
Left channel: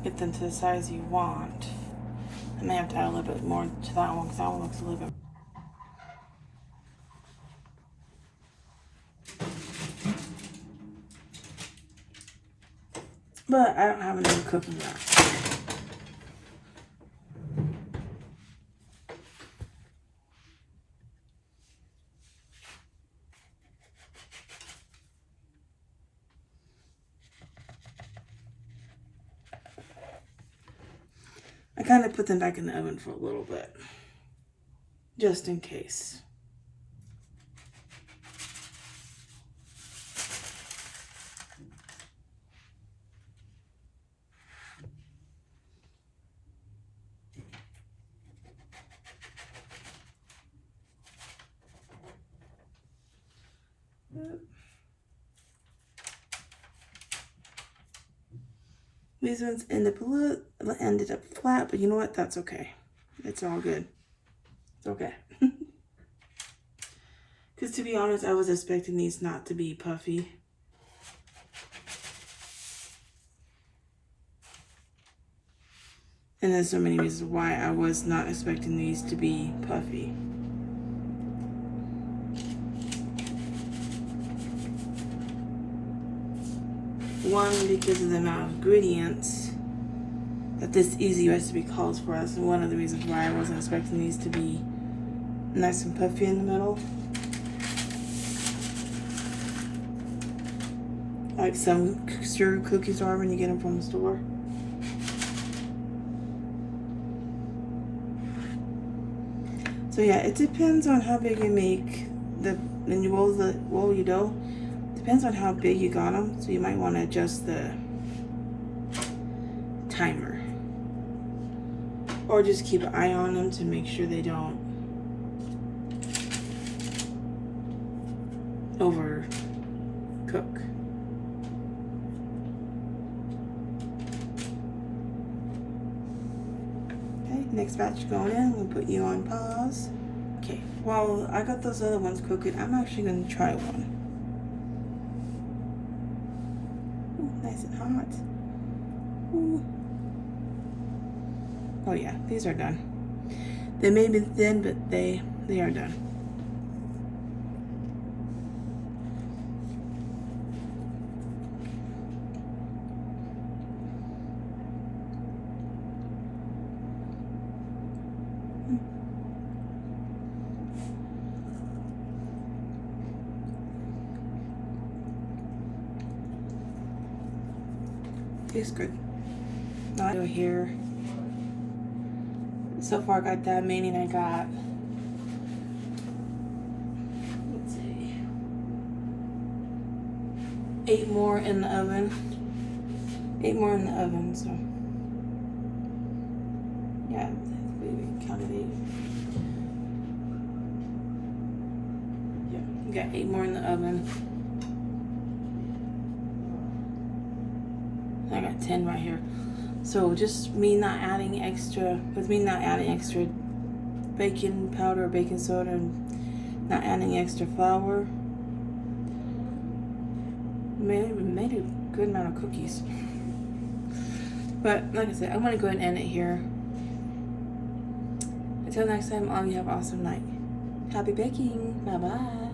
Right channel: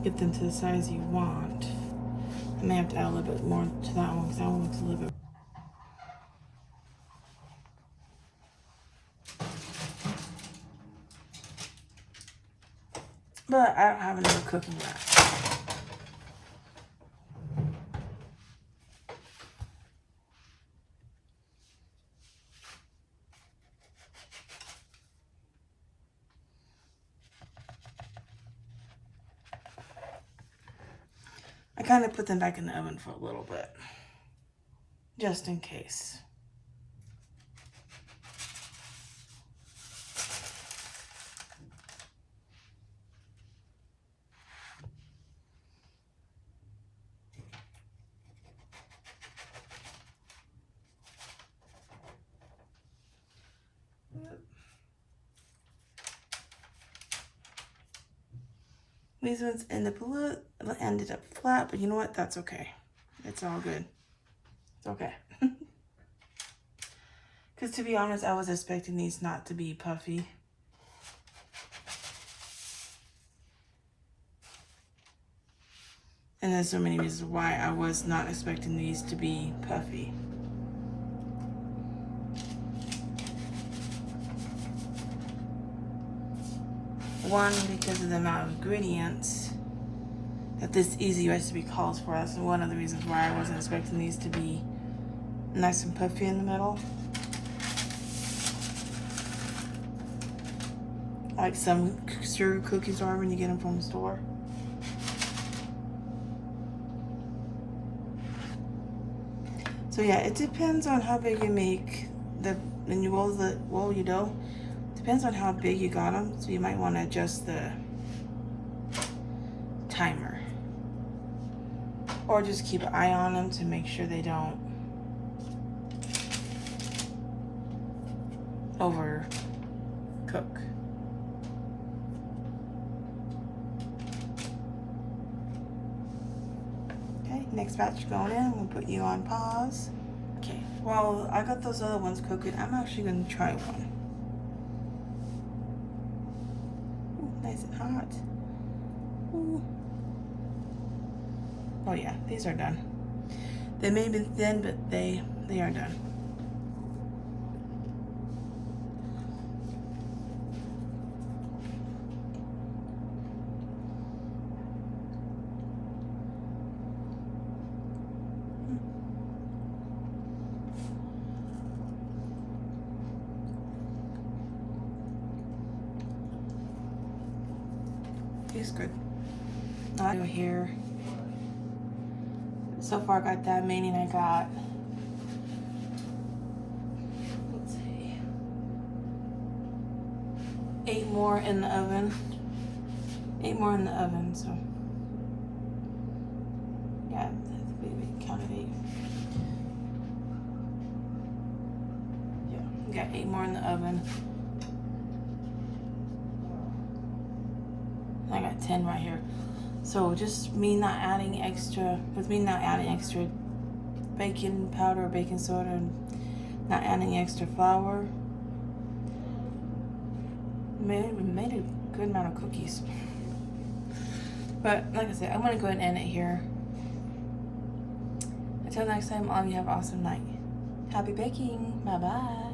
get them to the size you want. I may have to add a little bit more to that one because that one looks a little bit. But I don't have another cooking rack. I kind of put them back in the oven for a little bit, just in case. These ones ended up flat, but you know what? That's okay. It's all good. It's okay. Because to be honest, I was expecting these not to be puffy. And there's so many reasons why I was not expecting these to be puffy. One, because of the amount of ingredients that this easy recipe calls for us, and one of the reasons why I wasn't expecting these to be nice and puffy in the middle. Like some sugar cookies are when you get them from the store. So yeah, it depends on how big you make when you roll your dough. Depends on how big you got them, so you might want to adjust the timer. Or just keep an eye on them to make sure they don't cook. Okay, next batch going in. We'll put you on pause. Okay, well, I got those other ones cooking. I'm actually gonna try one. Ooh, nice and hot. Ooh. Oh yeah, these are done. They may be thin, but they are done. Tastes good. I'll go here. So far I got that, meaning I got, let's see, 8 more in the oven. 8 more in the oven, so yeah, we counted 8. Yeah, we got 8 more in the oven. I got 10 right here. So just me not adding extra, with me not adding extra baking powder, baking soda, and not adding extra flour, made a good amount of cookies. But like I said, I'm gonna go ahead and end it here. Until next time, all of you have an awesome night. Happy baking. Bye bye.